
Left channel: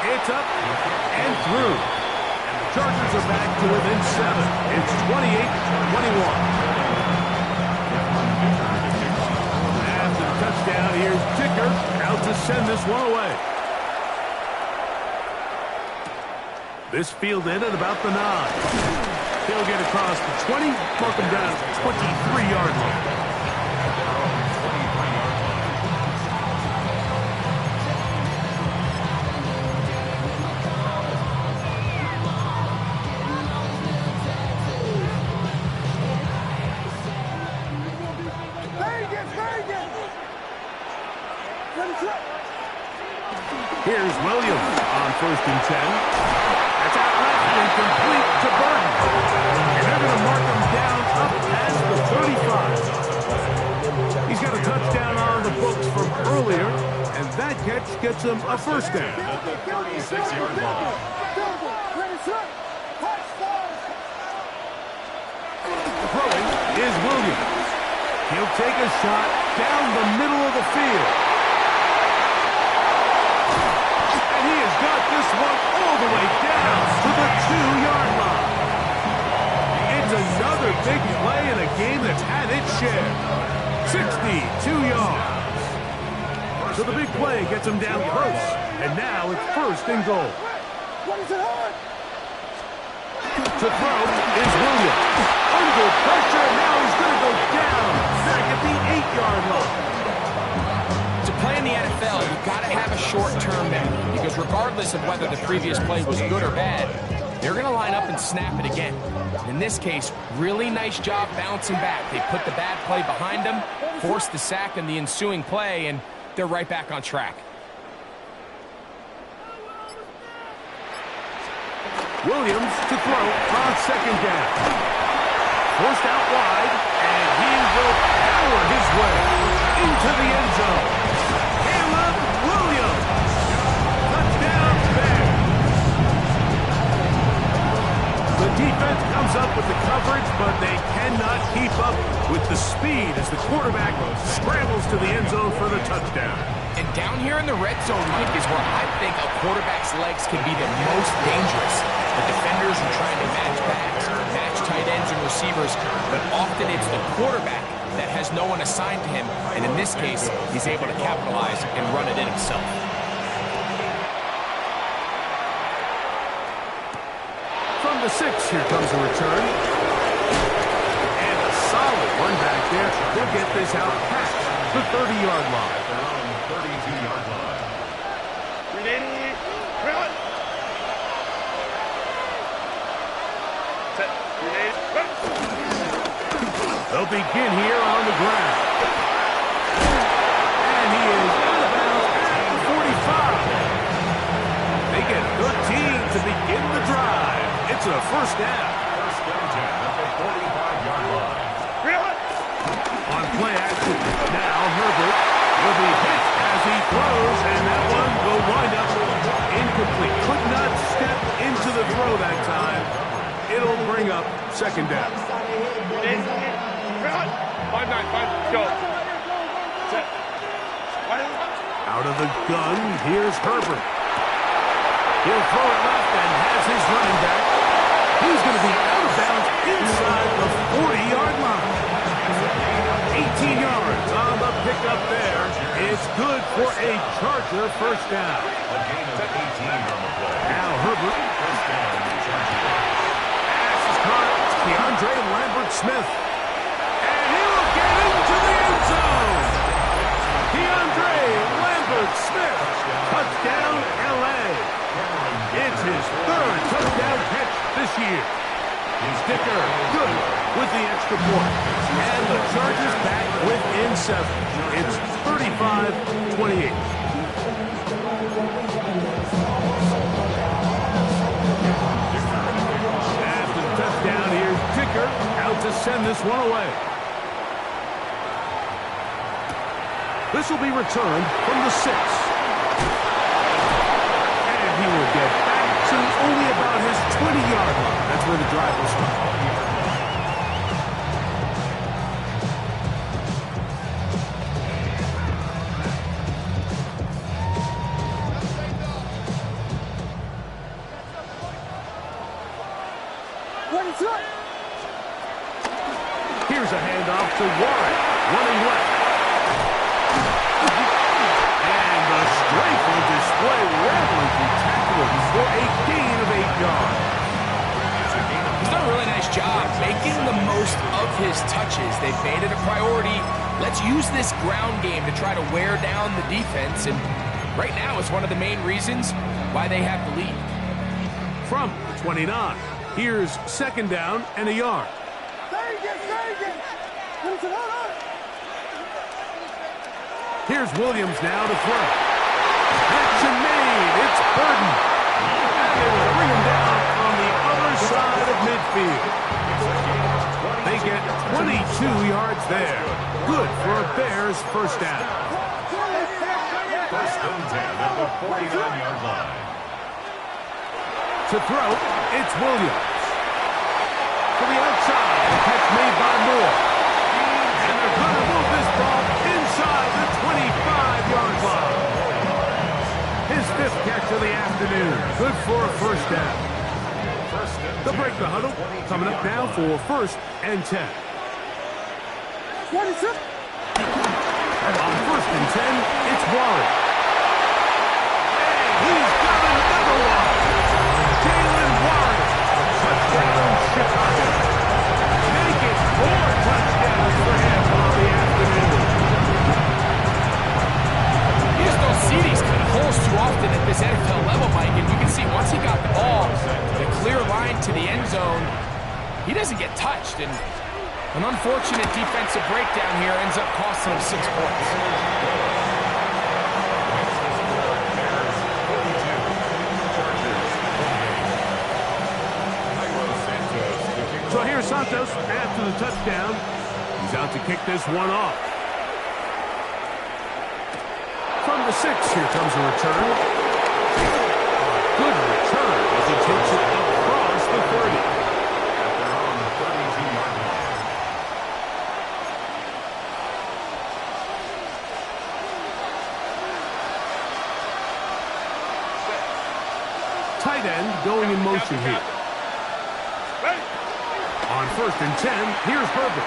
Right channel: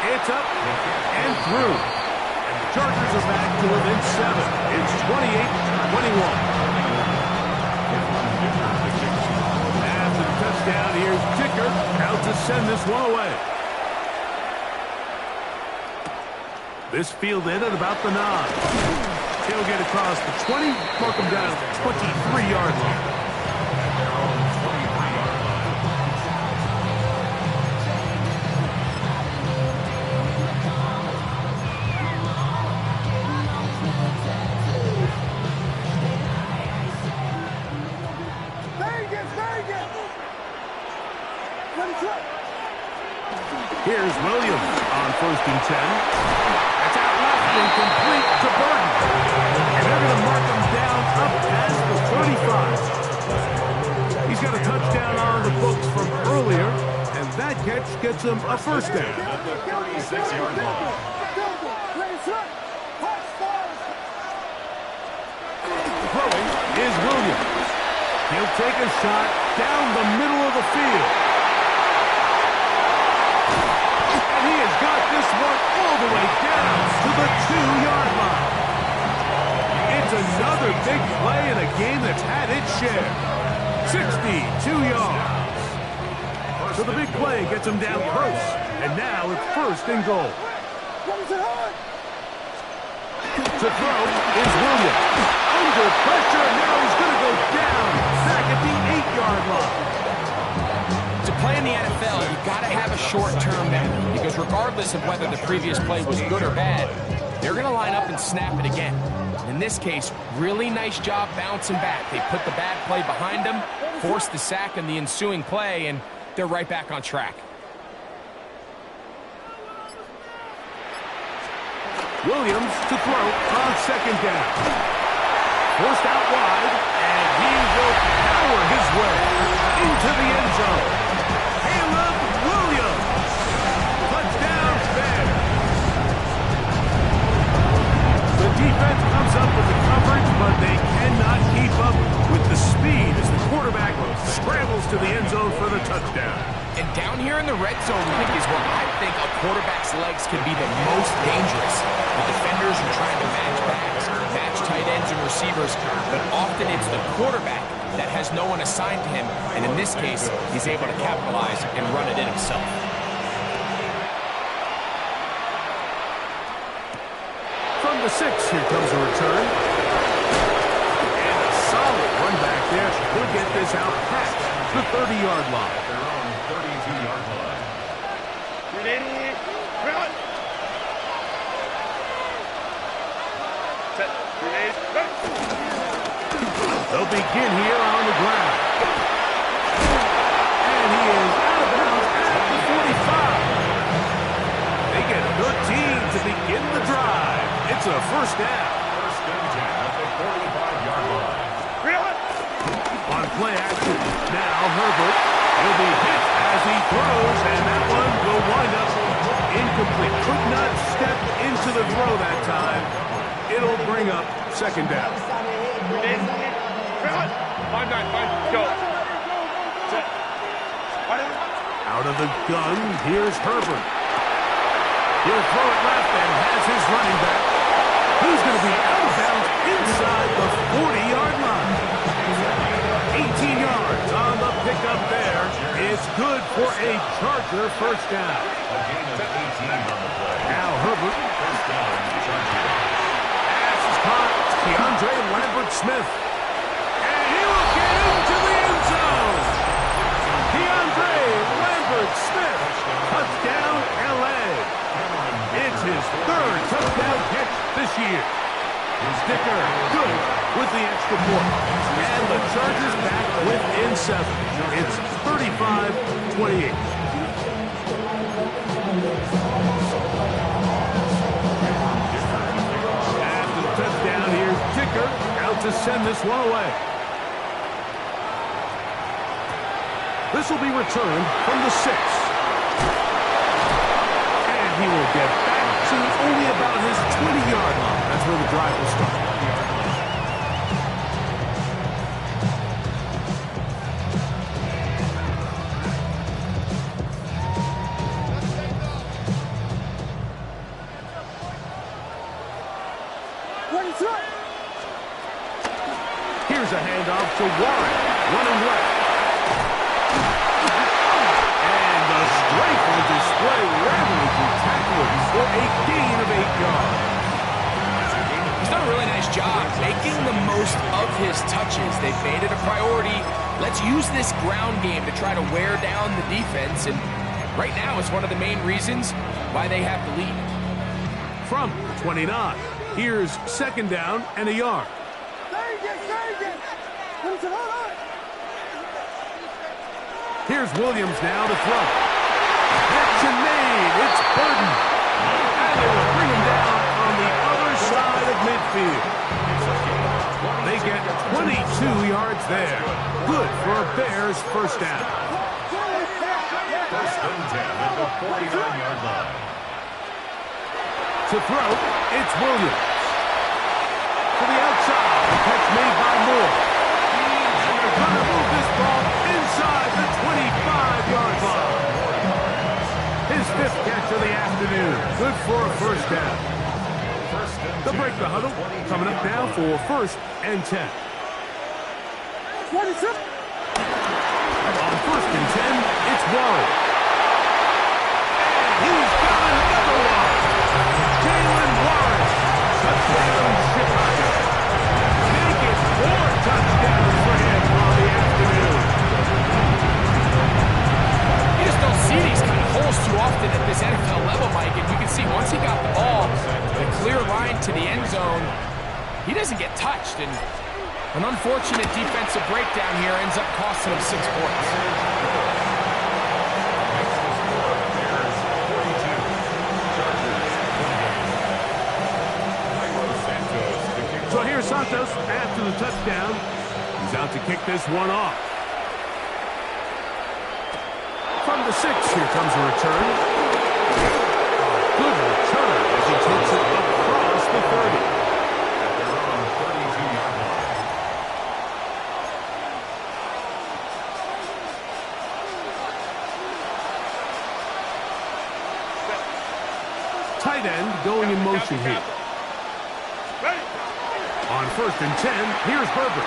It's up and through. And the Chargers are back to within 7. It's 28-21. After the touchdown, here's Dicker out to send this one away. This fielded at about the 9. He'll get across the 20, mark him down at the 23-yard line. At their own 23-yard line. Here's Williams on 1st and 10. That's out left and complete to Burton. And they're going to mark him down up past the 35. He's got a touchdown on the books from earlier, and that catch gets him a first down. At the 36-yard line. Throwing is Williams. He'll take a shot down the middle of the field. And he has got this one all the way down to the 2-yard line. It's another big play in a game that's had its share. 62 yards. So the big play gets him down close. And now it's 1st and goal. To throw is Williams. Under pressure, and now he's going to go down. Back at the 8-yard line. To play in the NFL, you've got to have a short-term memory, because regardless of whether the previous play was good or bad, they're going to line up and snap it again. In this case, really nice job bouncing back. They put the bad play behind them, forced the sack in the ensuing play, and they're right back on track. Williams to throw on 2nd down. Forced out wide, and he will power his way into the end zone. Caleb Williams. Touchdown Bears. The defense comes up with the coverage, but they cannot keep up with the speed as the quarterback scrambles to the end zone for the touchdown. And down here in the red zone, Mike, is where I think a quarterback's legs can be the most dangerous. The defenders are trying to match backs, match tight ends and receivers, but often it's the quarterback that has no one assigned to him, and in this case, he's able to capitalize and run it in himself. From the 6, here comes a return. And a solid run back there. He'll get this out past the 30-yard line. At their own 32-yard line. Ready, run. Set, grenade, run. They'll begin here on the ground. And he is out of bounds at the 45. They get 13 to begin the drive. It's a first down. 1st and 10 at the 45-yard line. Run. On play action, now Herbert. He'll be hit as he throws, and that one will wind up incomplete. Could not step into the throw that time. It'll bring up 2nd down. Ready, run. 5-9, go. Set. Out of the gun, here's Herbert. He'll throw it left and has his running back. He's going to be out of bounds inside the 40-yard line. 18 yards on the pickup there. It's good for a Charger first down. A gain of 18 on the play. Now Herbert. First down, Chargers. Pass is caught. DeAndre Lambert-Smith. And he will get into the end zone. DeAndre Lambert-Smith. Touchdown, L.A. It's his 3rd touchdown catch this year. Dicker good with the extra point. And the Chargers back within 7. It's 35-28. After the touchdown, here's Dicker out to send this one away. This will be returned from the 6. And he will get back to only about his 20-yard line. That's where the drive will start. 20-yard line. Here's a handoff to Warren, running left. And the strength on display, rattling through tacklers for a gain of 8 yards. He's done a really nice job making the most of his touches. They've made it a priority. Let's use this ground game to try to wear down the defense, and right now it's one of the main reasons why they have the lead. From the 29, here's 2nd down and a yard. Here's Williams now to throw. Action made. It's Burden. And they will bring him down on the other side of midfield. They get 22 yards there. Good for a Bears first down. 1st and 10 at the 49-yard line. To throw, it's Williams. To the outside, the catch made by Moore. And they're going to move this ball inside the 25-yard line. His 5th catch of the afternoon. Good for a first down. They'll break the huddle. Coming up now for 1st and 10. On 1st and 10, it's Warren. And he's got another one. Jalen Warren. Touchdown, Chicago. Make it 4 touchdowns for him on the afternoon. You just don't see these kind of holes too often at this NFL level, Mike, and you can see once he got the ball, the clear line to the end zone, he doesn't get touched, and an unfortunate defensive breakdown here ends up costing him 6 points. So here's Santos after the touchdown. He's out to kick this one off. From the 6, here comes a return. Good return as he takes it across the 30. At their own 32-yard line. Tight end going in motion here. On 1st and 10, here's Herbert.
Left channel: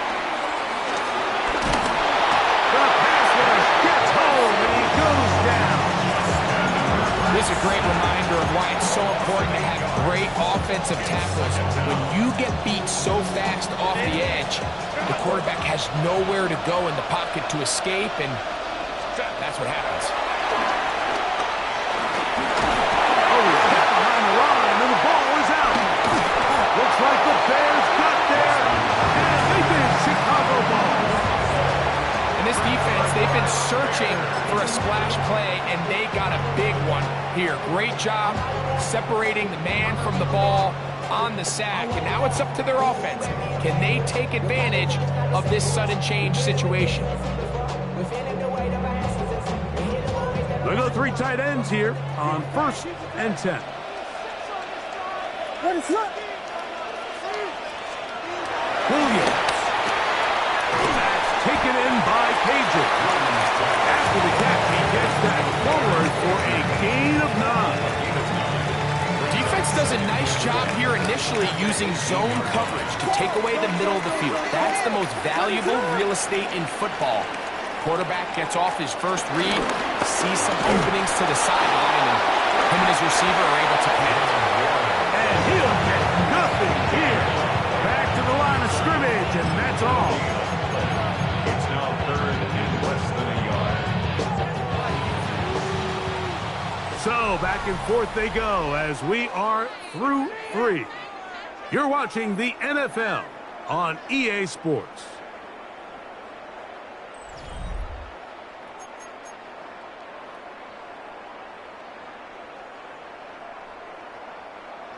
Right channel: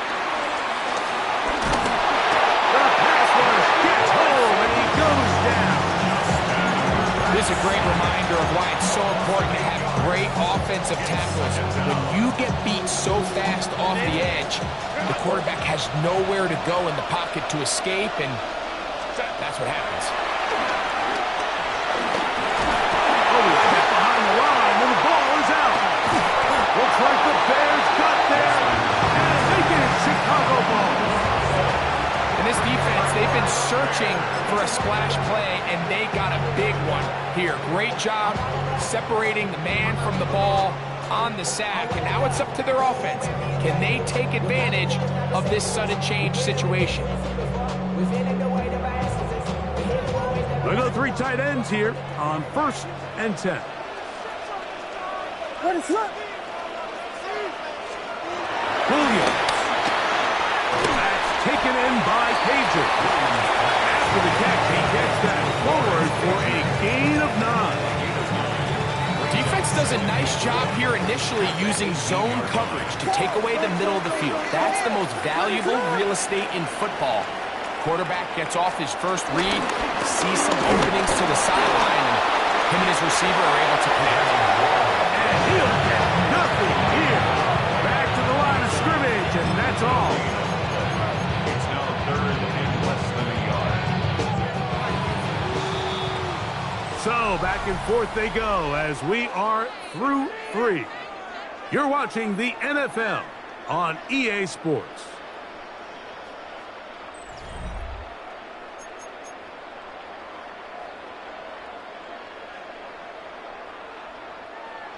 The pass rush gets home, and he goes down. This is a great reminder of why it's so important to have great offensive tackles. When you get beat so fast off the edge, the quarterback has nowhere to go in the pocket to escape, and that's what happens. Oh, he's hit behind the line, and the ball is out. Looks like the Bears got there, and they did. Chicago ball. And this defense, they've been searching for a splash play, and they got a big one here. Great job separating the man from the ball on the sack, and now it's up to their offense. Can they take advantage of this sudden change situation? They go 3 tight ends here on 1st and 10. Williams. That's taken in by Pager. After the catch, he gets that forward for a gain of 9. Defense does a nice job here initially using zone coverage to take away the middle of the field. That's the most valuable real estate in football. Quarterback gets off his first read, sees some openings to the sideline, and him and his receiver are able to connect. And he'll get nothing here. Back to the line of scrimmage, and that's all. It's now 3rd and less than a yard. So back and forth they go as we are through 3. You're watching the NFL on EA Sports.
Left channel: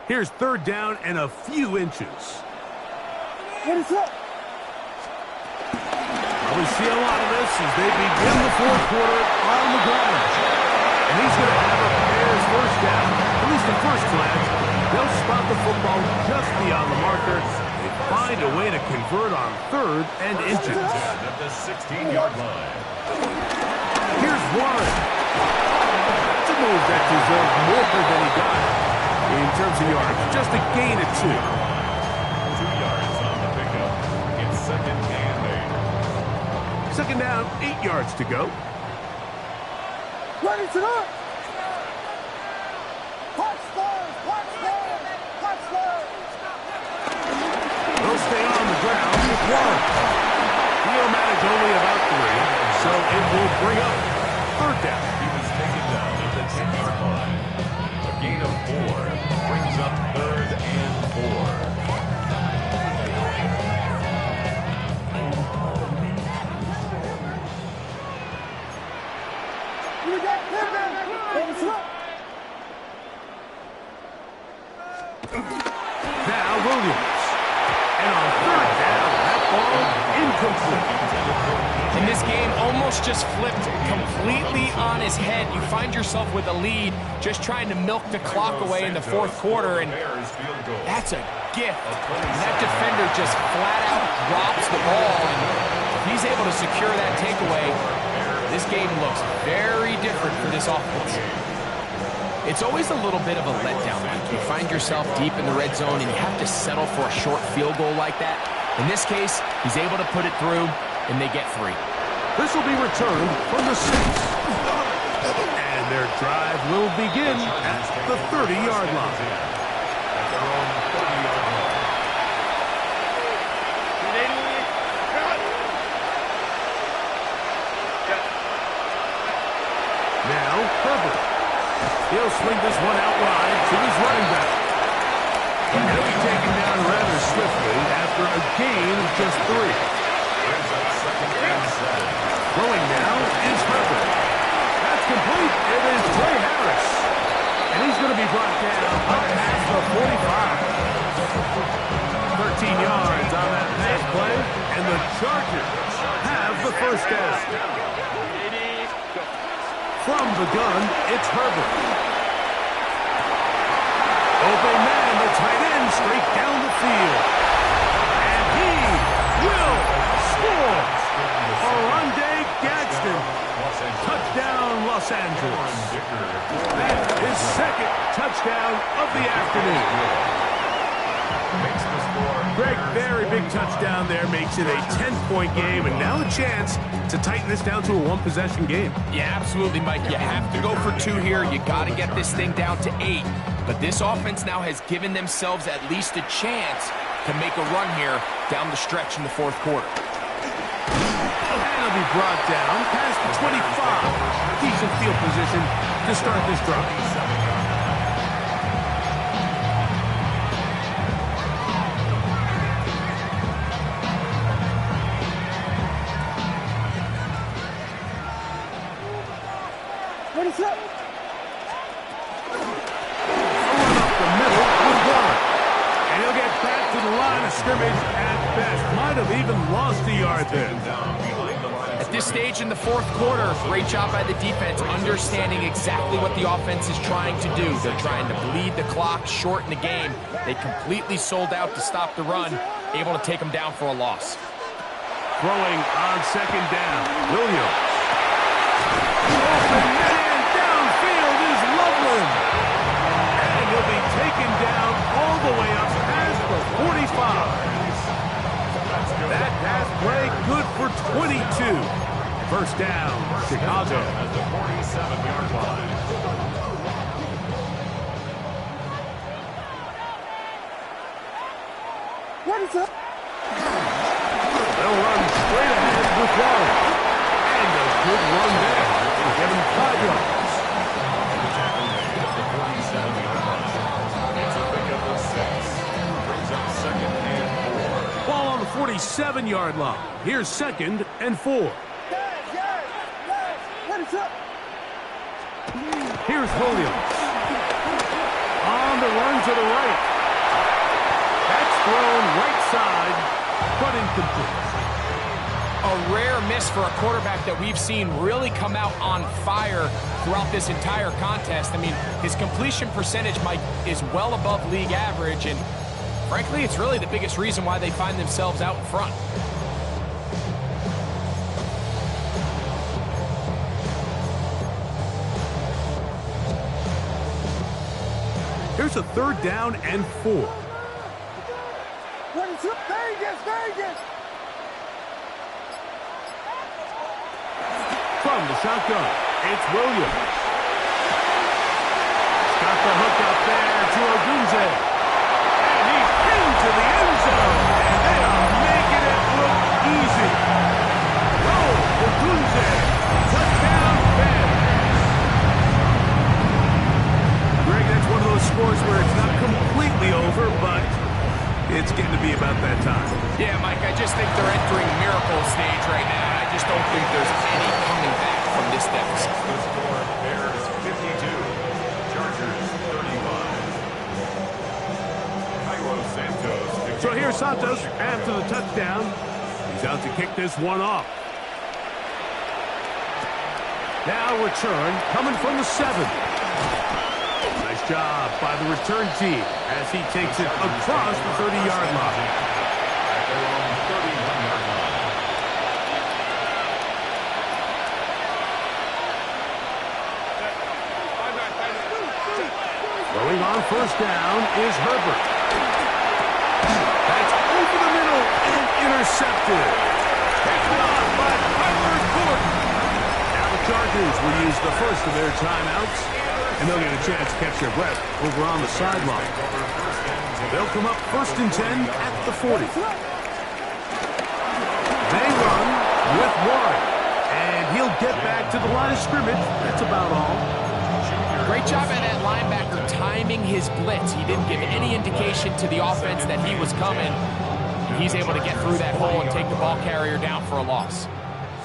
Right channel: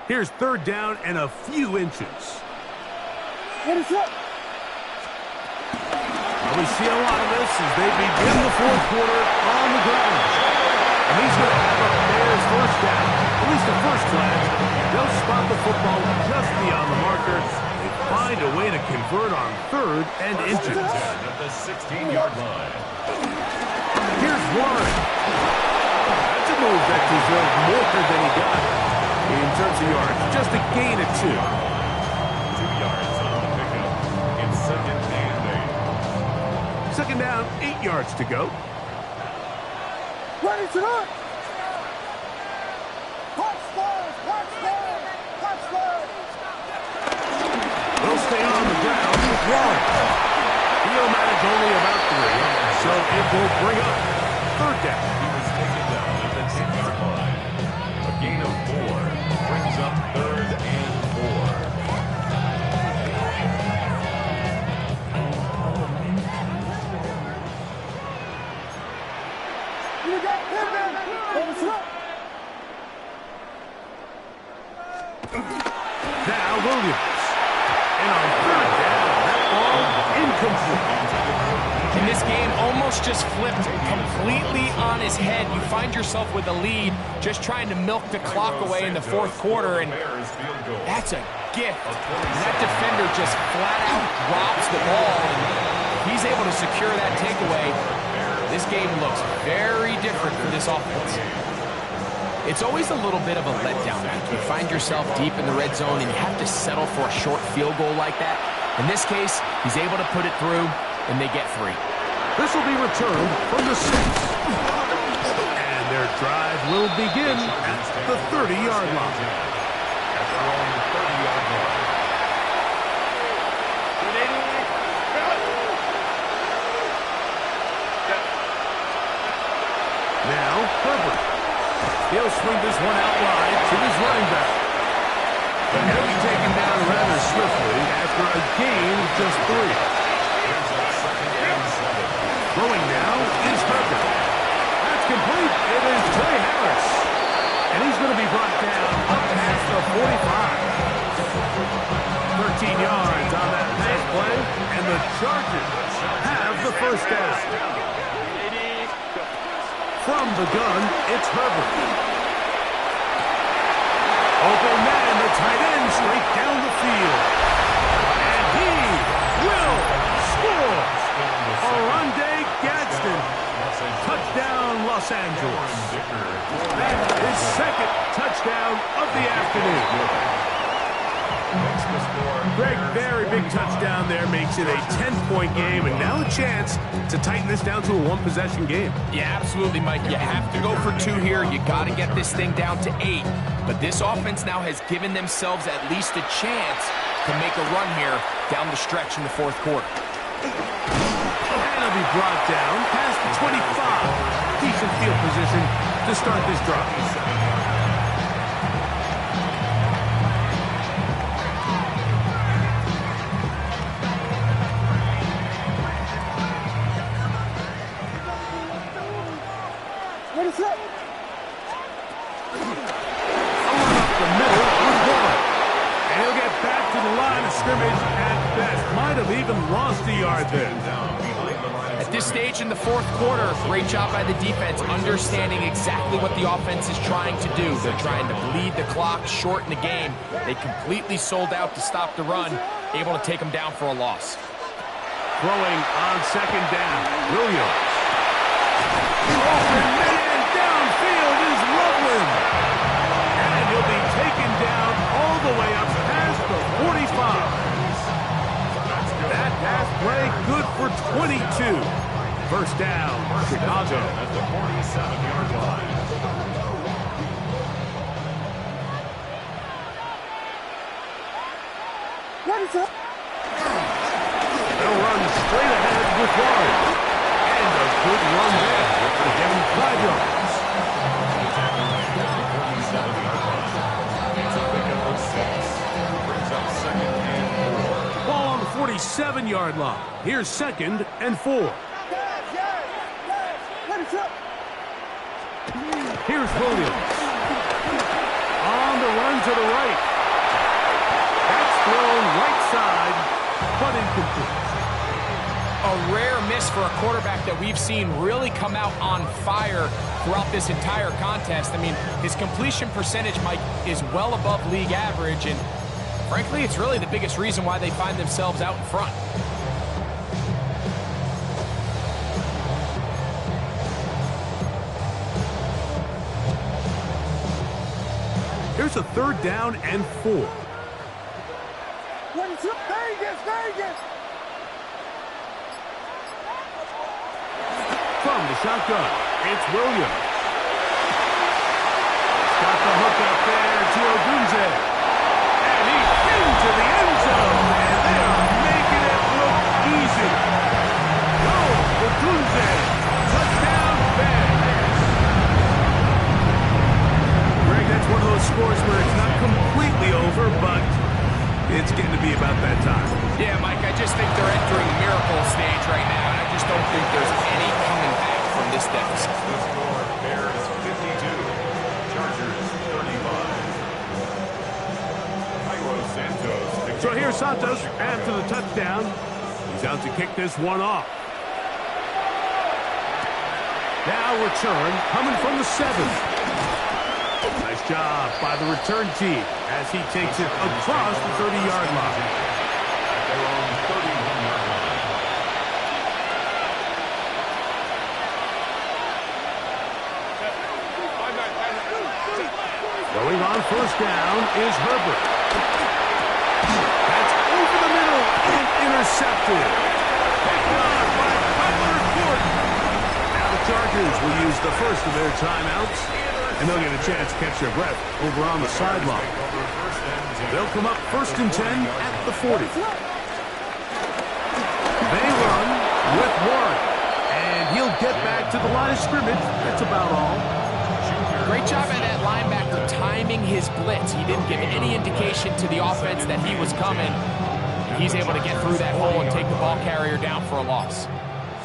Here's 3rd down and a few inches. Well, we see a lot of this as they begin the fourth quarter on the ground. And he's going to have a Bears first down. At least the first glance. They'll spot the football just beyond the marker. They find a way to convert on 3rd and inches. At the 16-yard line. Here's Warren. That's a move that deserved more than he got in terms of yards. Just a gain of 2. 2 yards on the pickup. It's 2nd and 8. 2nd down, 8 yards to go. Ready to run. Watch stars, watch stars, watch stars. Will stay on the ground with Warren. He'll manage only about 3, so it will bring up 3rd down. He was taken down at the 10-yard line. A gain of 4 brings up 3rd and 4. You got pivot. Ready to run. Now Williams. And on 3rd down, that ball incomplete. And this game almost just flipped completely on his head. You find yourself with a lead, just trying to milk the clock away in the 4th quarter, and that's a gift. And that defender just flat out drops the ball, and if he's able to secure that takeaway, this game looks very different for this offense. It's always a little bit of a letdown, Mike. You find yourself deep in the red zone and you have to settle for a short field goal like that. In this case, he's able to put it through, and they get 3. This will be returned from the 6. And their drive will begin at the 30-yard line. At their own 30-yard line. Now Herbert. He'll swing this one out wide to his running back. And he'll be taken down rather swiftly after a gain of just 3. Brings up 2nd and 7. Throwing now is Herbert. That's complete. It is Trey Harris. And he's going to be brought down up past the 45. 13 yards on that pass play. And the Chargers have the first down. From the gun, it's Herbert. Open man, the tight end, straight down the field. And he will score. Oronde Gadsden. Touchdown, Los Angeles. That's his 2nd touchdown of the afternoon. Makes the score. Greg, very big touchdown there, makes it a 10-point game, and now a chance to tighten this down to a 1-possession game. Yeah, absolutely, Mike. You have to go for 2 here. You got to get this thing down to 8. But this offense now has given themselves at least a chance to make a run here down the stretch in the 4th quarter. And he'll be brought down past the 25. Decent field position to start this drive. Ready to run. Throwing up the middle with Warren. And he'll get back to the line of scrimmage at best. Might have even lost a yard there. At this stage in the 4th quarter, great job by the defense, understanding exactly what the offense is trying to do. They're trying to bleed the clock, shorten the game. They completely sold out to stop the run, able to take them down for a loss. Throwing on 2nd down. Williams. Open man downfield is Loveland. And he'll be taken down all the way up past the 45. That pass play good for 22. First down, Chicago. At the 47-yard line. Ready to. They'll run straight ahead with Warren. And a good run there. We'll give him 5 yards. The tackle made at the 47-yard line. It's a pickup of 6. Brings up 2nd and 4. Ball on the 47-yard line. Here's 2nd and 4. Ready to. Here's Williams. On the run to the right. That's thrown right side, but incomplete. a rare miss for a quarterback that we've seen really come out on fire throughout this entire contest. I mean, his completion percentage, Mike, is well above league average, and frankly, it's really the biggest reason why they find themselves out in front. Here's a 3rd down and 4. Vegas! From the shotgun, it's Williams. He's got the hook up there to Odunze. And he's into the end zone. And they are making it look easy. Odunze, touchdown, Bears. Greg, that's one of those scores where it's not completely over, but it's getting to be about that time. Yeah, Mike, I just think they're entering miracle stage right now, and I just don't think there's any coming back from this deficit. The score, Bears 52, Chargers 35. So here's Santos after the touchdown. He's out to kick this one off. Now return coming from the 7. Nice job by the return team as he takes it across the 30-yard line. At their own 31-yard line. Going on 1st down is Herbert. That's over the middle and intercepted. Picked on by Tyler Gordon. Now the Chargers will use the first of their timeouts, and they'll get a chance to catch their breath over on the sideline. They'll come up 1st and 10 at the 40. They run with Warren, and he'll get back to the line of scrimmage. That's about all. Great job by that linebacker timing his blitz. He didn't give any indication to the offense that he was coming. He's able to get through that hole and take the ball carrier down for a loss.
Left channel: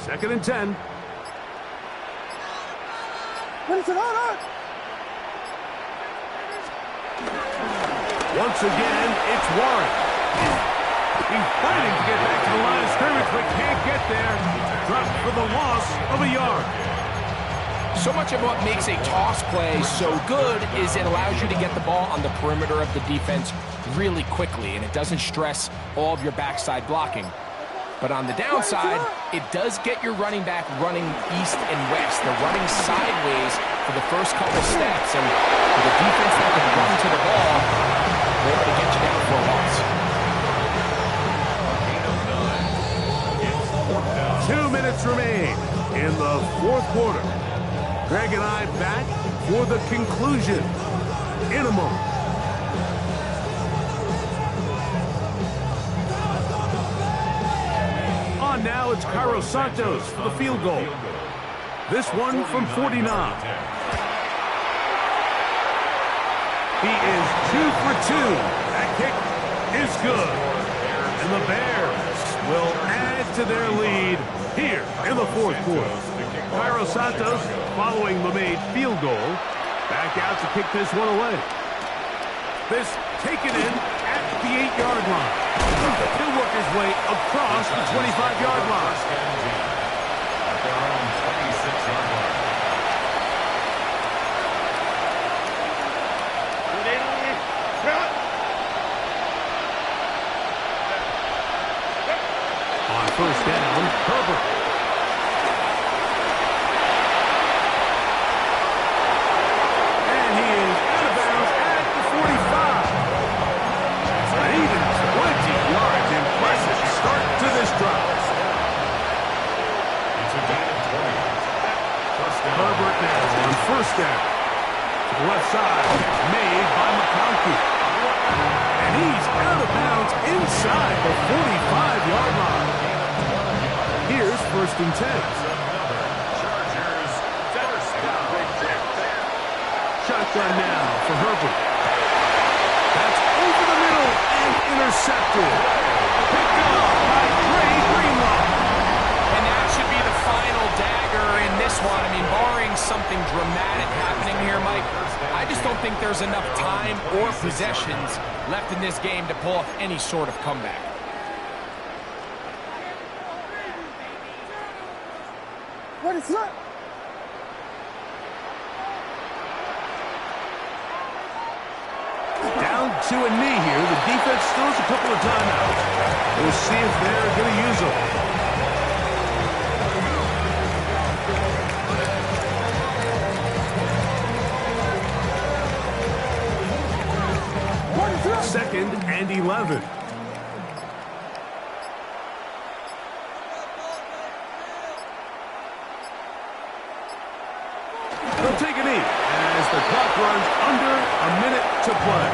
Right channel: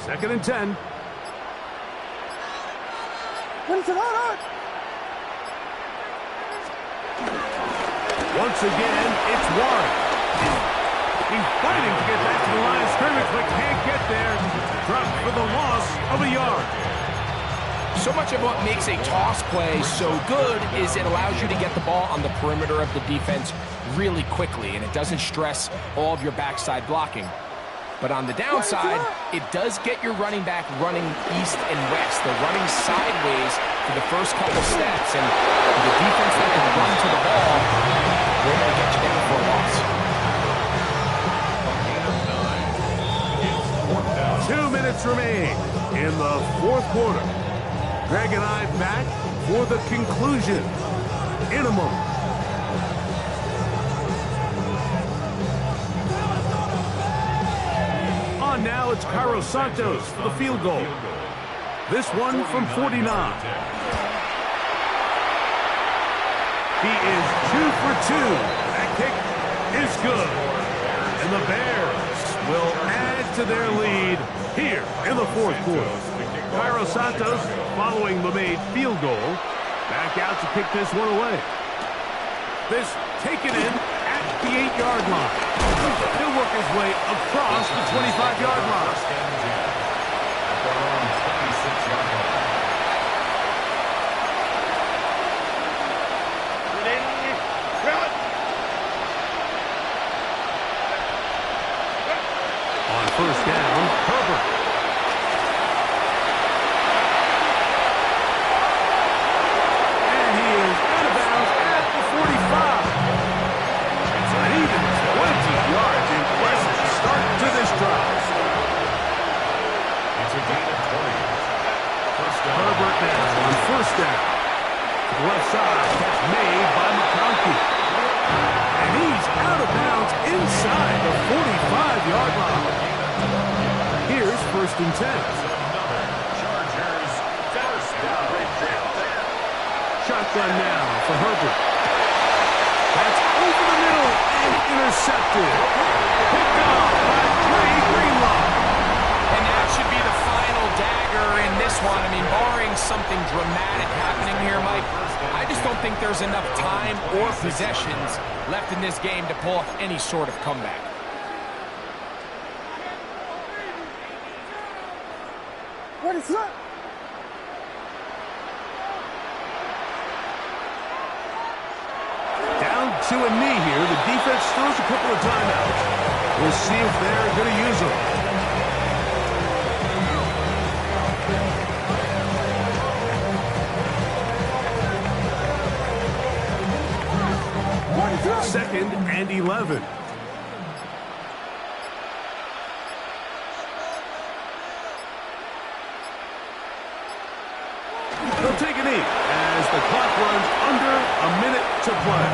2nd and 10. Once again, it's Warren. He's fighting to get back to the line of scrimmage, but can't get there. Dropped for the loss of a yard. So much of what makes a toss play so good is it allows you to get the ball on the perimeter of the defense really quickly, and it doesn't stress all of your backside blocking. But on the downside, it does get your running back running east and west. They're running sideways for the first couple steps, and with the defense that can run to the ball, they're able to get you down for a loss. 2 minutes remain in the 4th quarter. Greg and I back for the conclusion in a moment. On now, it's Cairo Santos for the field goal. This one from 49. He is 2 for 2. That kick is good. And the Bears will add to their lead here in the 4th quarter. Cairo Santos, following the made field goal, back out to kick this one away. This taken in at the 8-yard line. He'll work his way across the 25-yard line. At their own 26-yard line. On 1st down, Herbert. Herbert now on 1st down. To the left side, catch made by McConkey. And he's out of bounds inside the 45-yard line. Here's 1st and 10. Chargers first down. Shotgun now for Herbert. That's over the middle and intercepted. Picked off by Dre Greenlaw. And that should be the final dagger in this one. I mean, barring something dramatic happening here, Mike, I just don't think there's enough time or possessions left in this game to pull off any sort of comeback. What is that? Down to a knee here. The defense still has a couple of timeouts. We'll see if they're going to use them. What is that? 2nd and 11. They'll take a knee as the clock runs under a minute to play.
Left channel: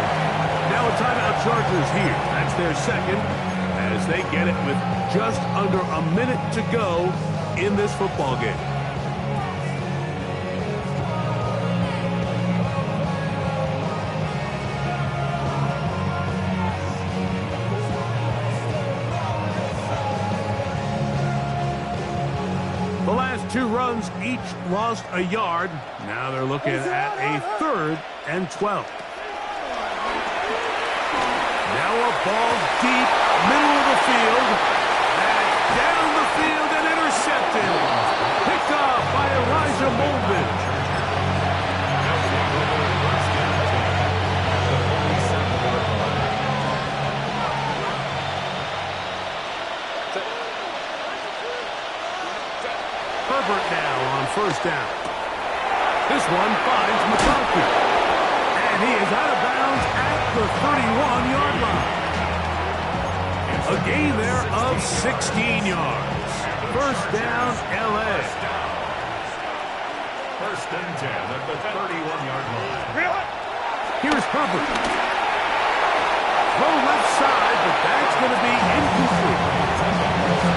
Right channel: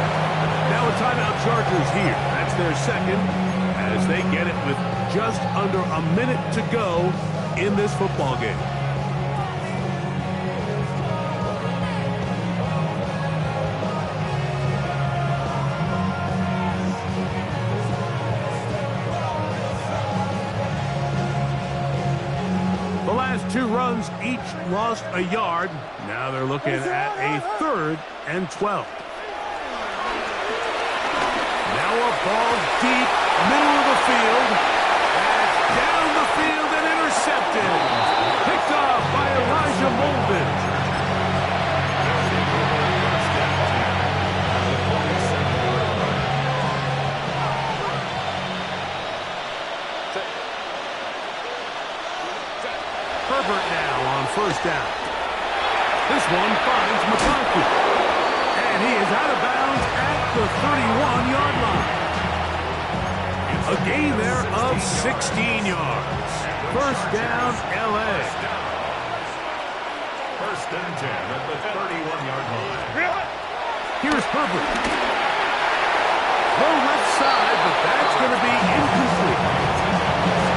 Now a timeout Chargers here. That's their second as they get it with just under a minute to go in this football game. The last two runs each lost a yard. Now they're looking at a 3rd and 12. Now a ball deep, middle of the field. That's down the field and intercepted. Picked off by Elijah Molden. They'll take over first down 10 at the 47-yard line. Herbert now on first down. This one finds McConkey. And he is out of bounds at the 31-yard line. A gain there of 16 yards. First down, L.A. First and 10 at the 31-yard line. Here's Herbert. Throw left side, but that's going to be incomplete.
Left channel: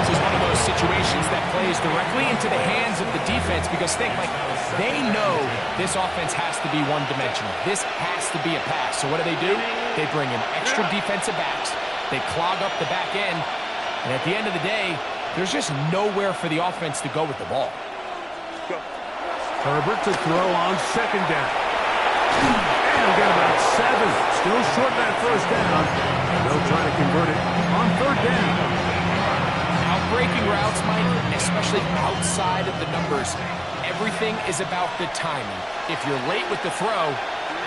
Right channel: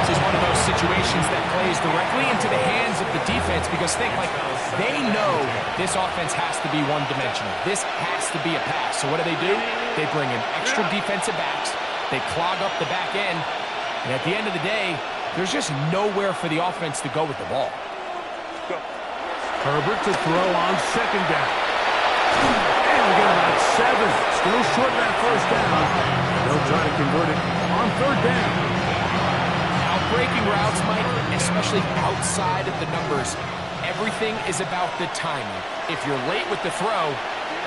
This is one of those situations that plays directly into the hands of the defense because they know this offense has to be one-dimensional. This has to be a pass. So what do? They bring in extra defensive backs. They clog up the back end. And at the end of the day, there's just nowhere for the offense to go with the ball. Herbert to throw on second down. And get about 7. Still short of that first down. And they'll try to convert it on third down. Breaking routes, Mike, especially outside of the numbers, everything is about the timing. If you're late with the throw,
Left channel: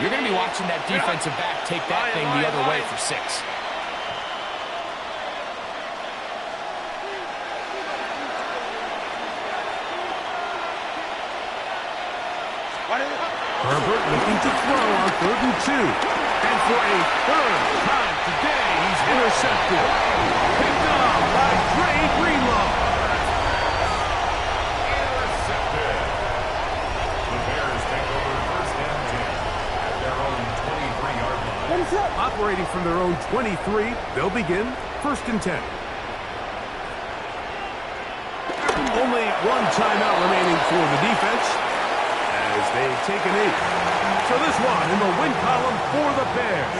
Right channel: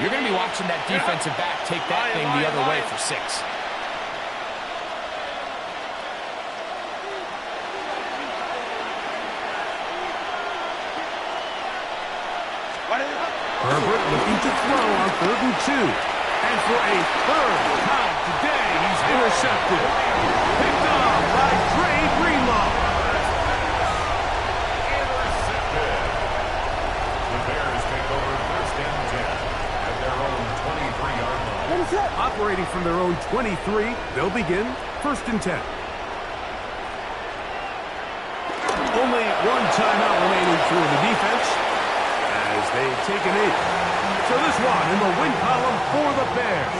you're going to be watching that defensive back take that thing the other way for 6. Herbert looking to throw on 3rd and 2. And for a 3rd time today, he's intercepted. Picked off by Dre Greenlaw. Intercepted. The Bears take over first and 10 at their own 23-yard line. What is that? Operating from their own 23, they'll begin 1st and 10. Only one timeout remaining for the defense as they take a knee. So this one in the win column for the Bears.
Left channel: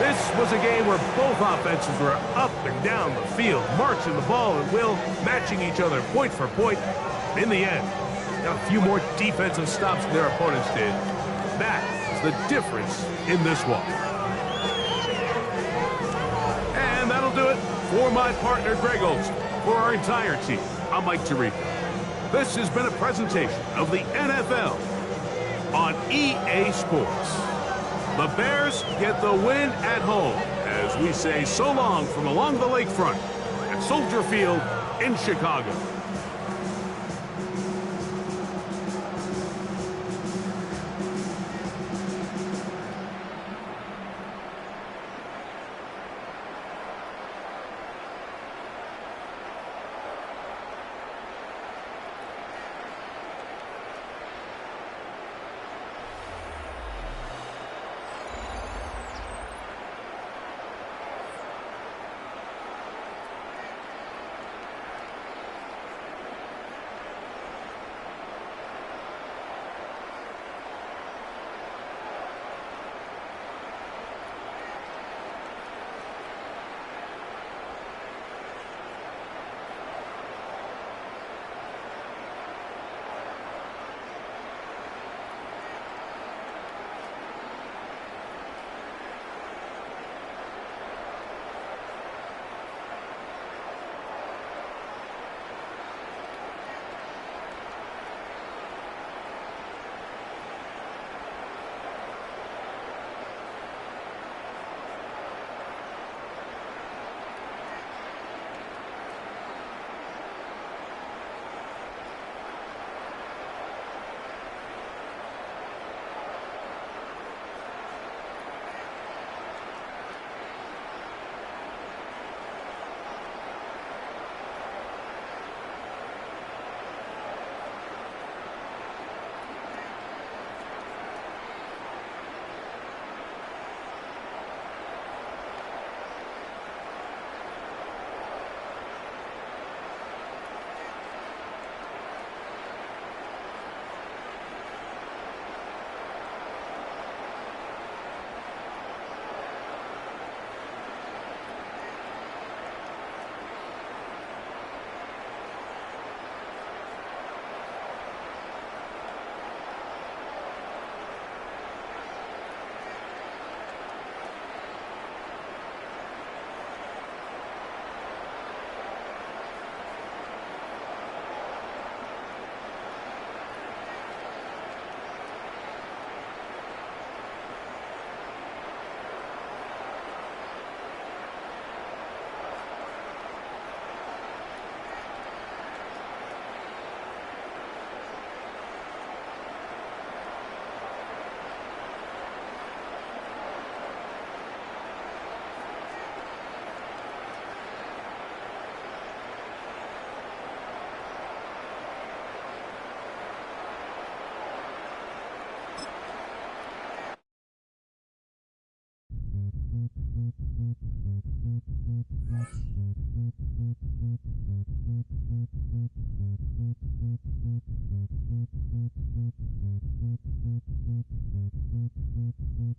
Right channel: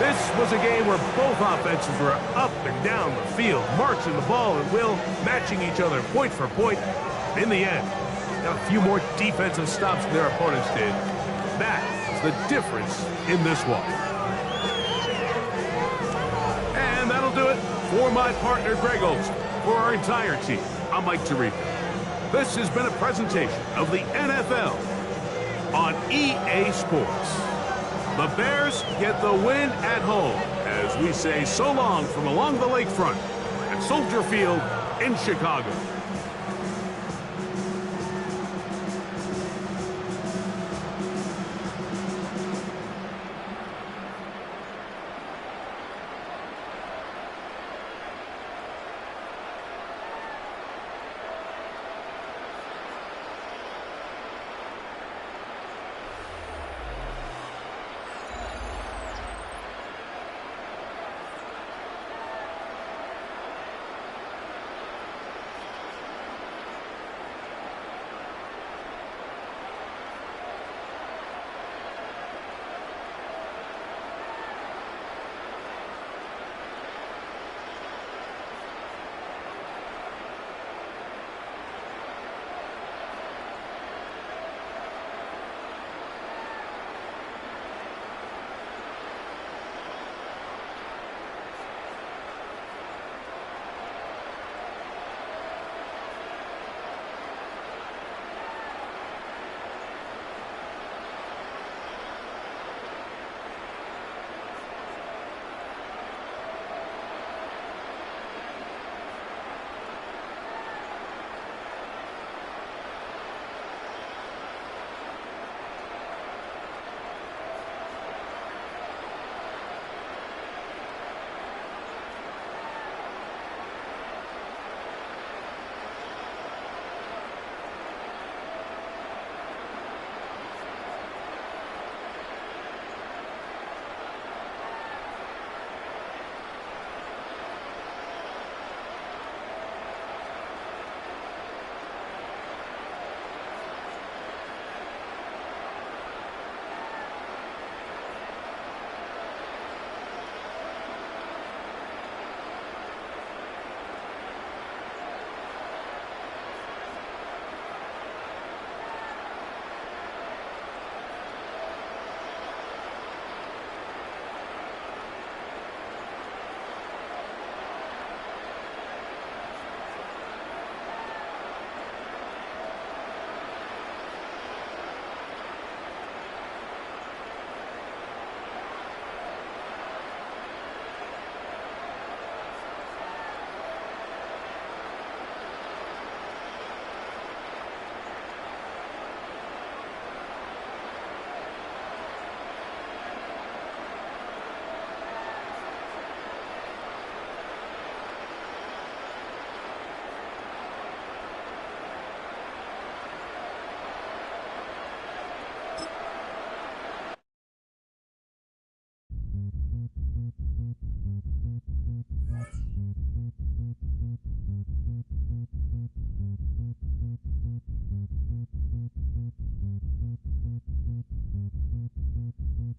This was a game where both offenses were up and down the field, marching the ball at will, matching each other point for point. In the end, a few more defensive stops than their opponents did. That's the difference in this one. And that'll do it for my partner, Greg Olson. For our entire team, I'm Mike Tirico. This has been a presentation of the NFL on EA Sports. The Bears get the win at home as we say so long from along the lakefront at Soldier Field in Chicago.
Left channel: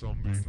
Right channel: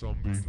Zombie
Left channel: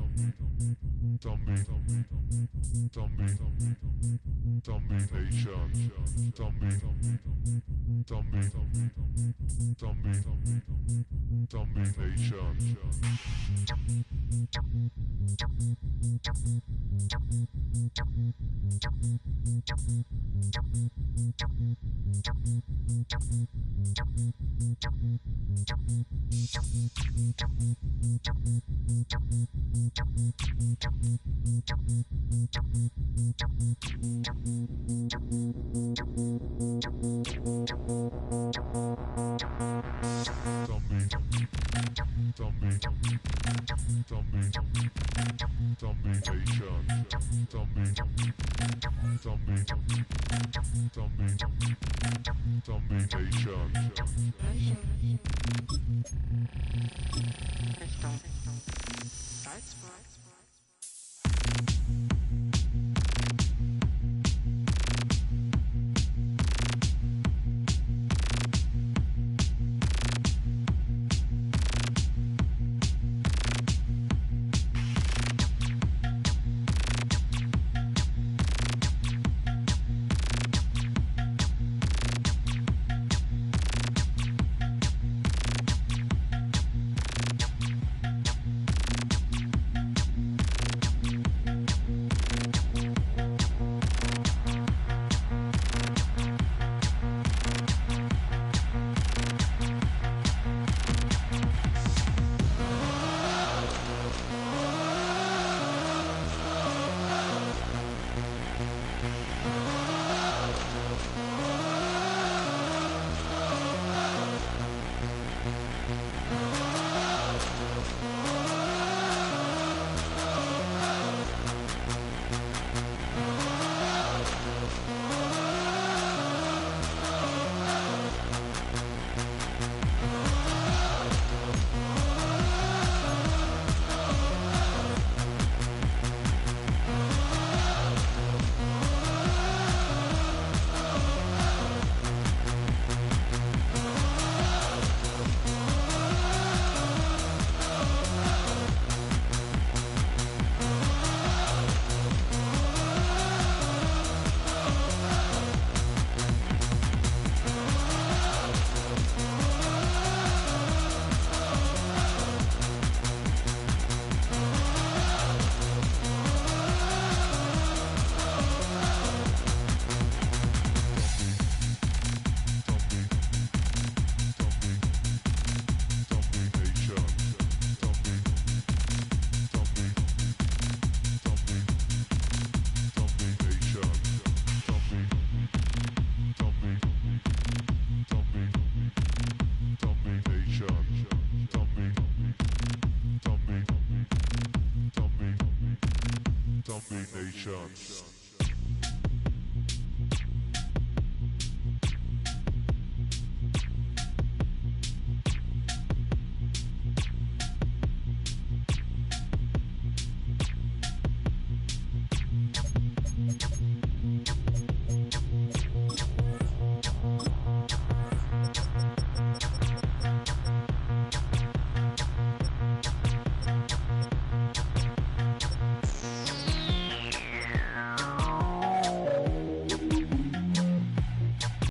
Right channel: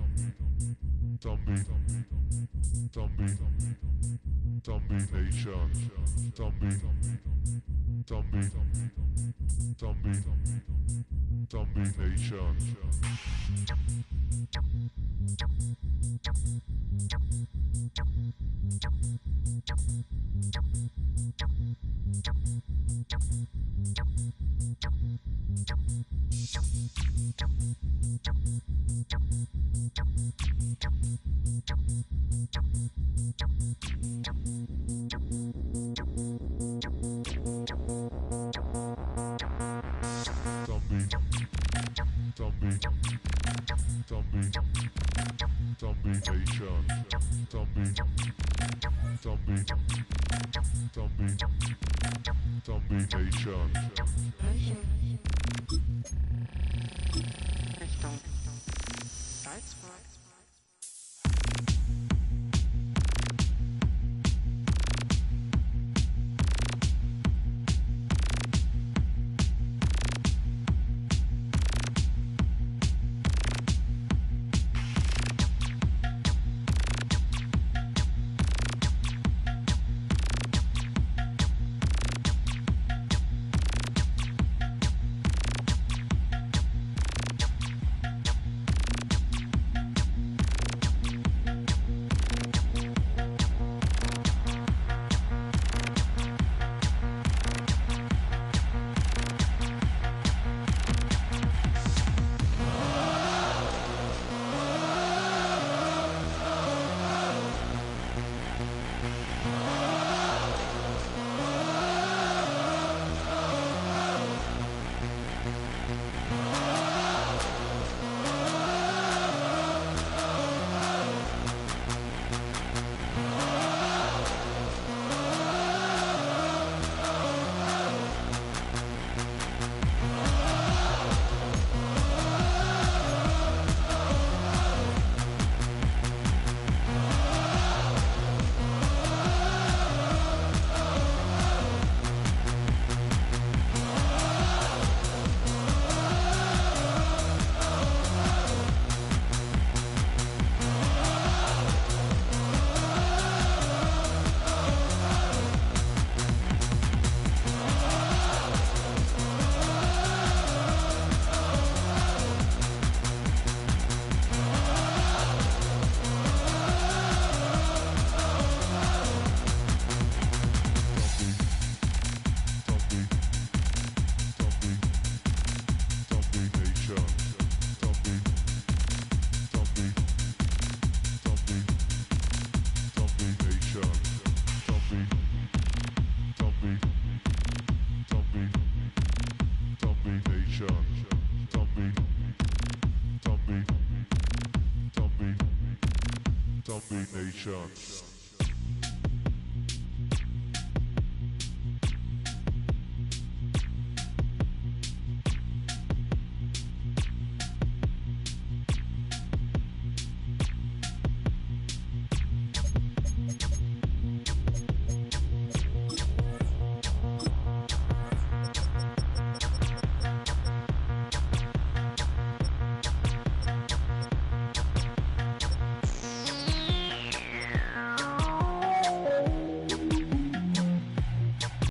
Nation.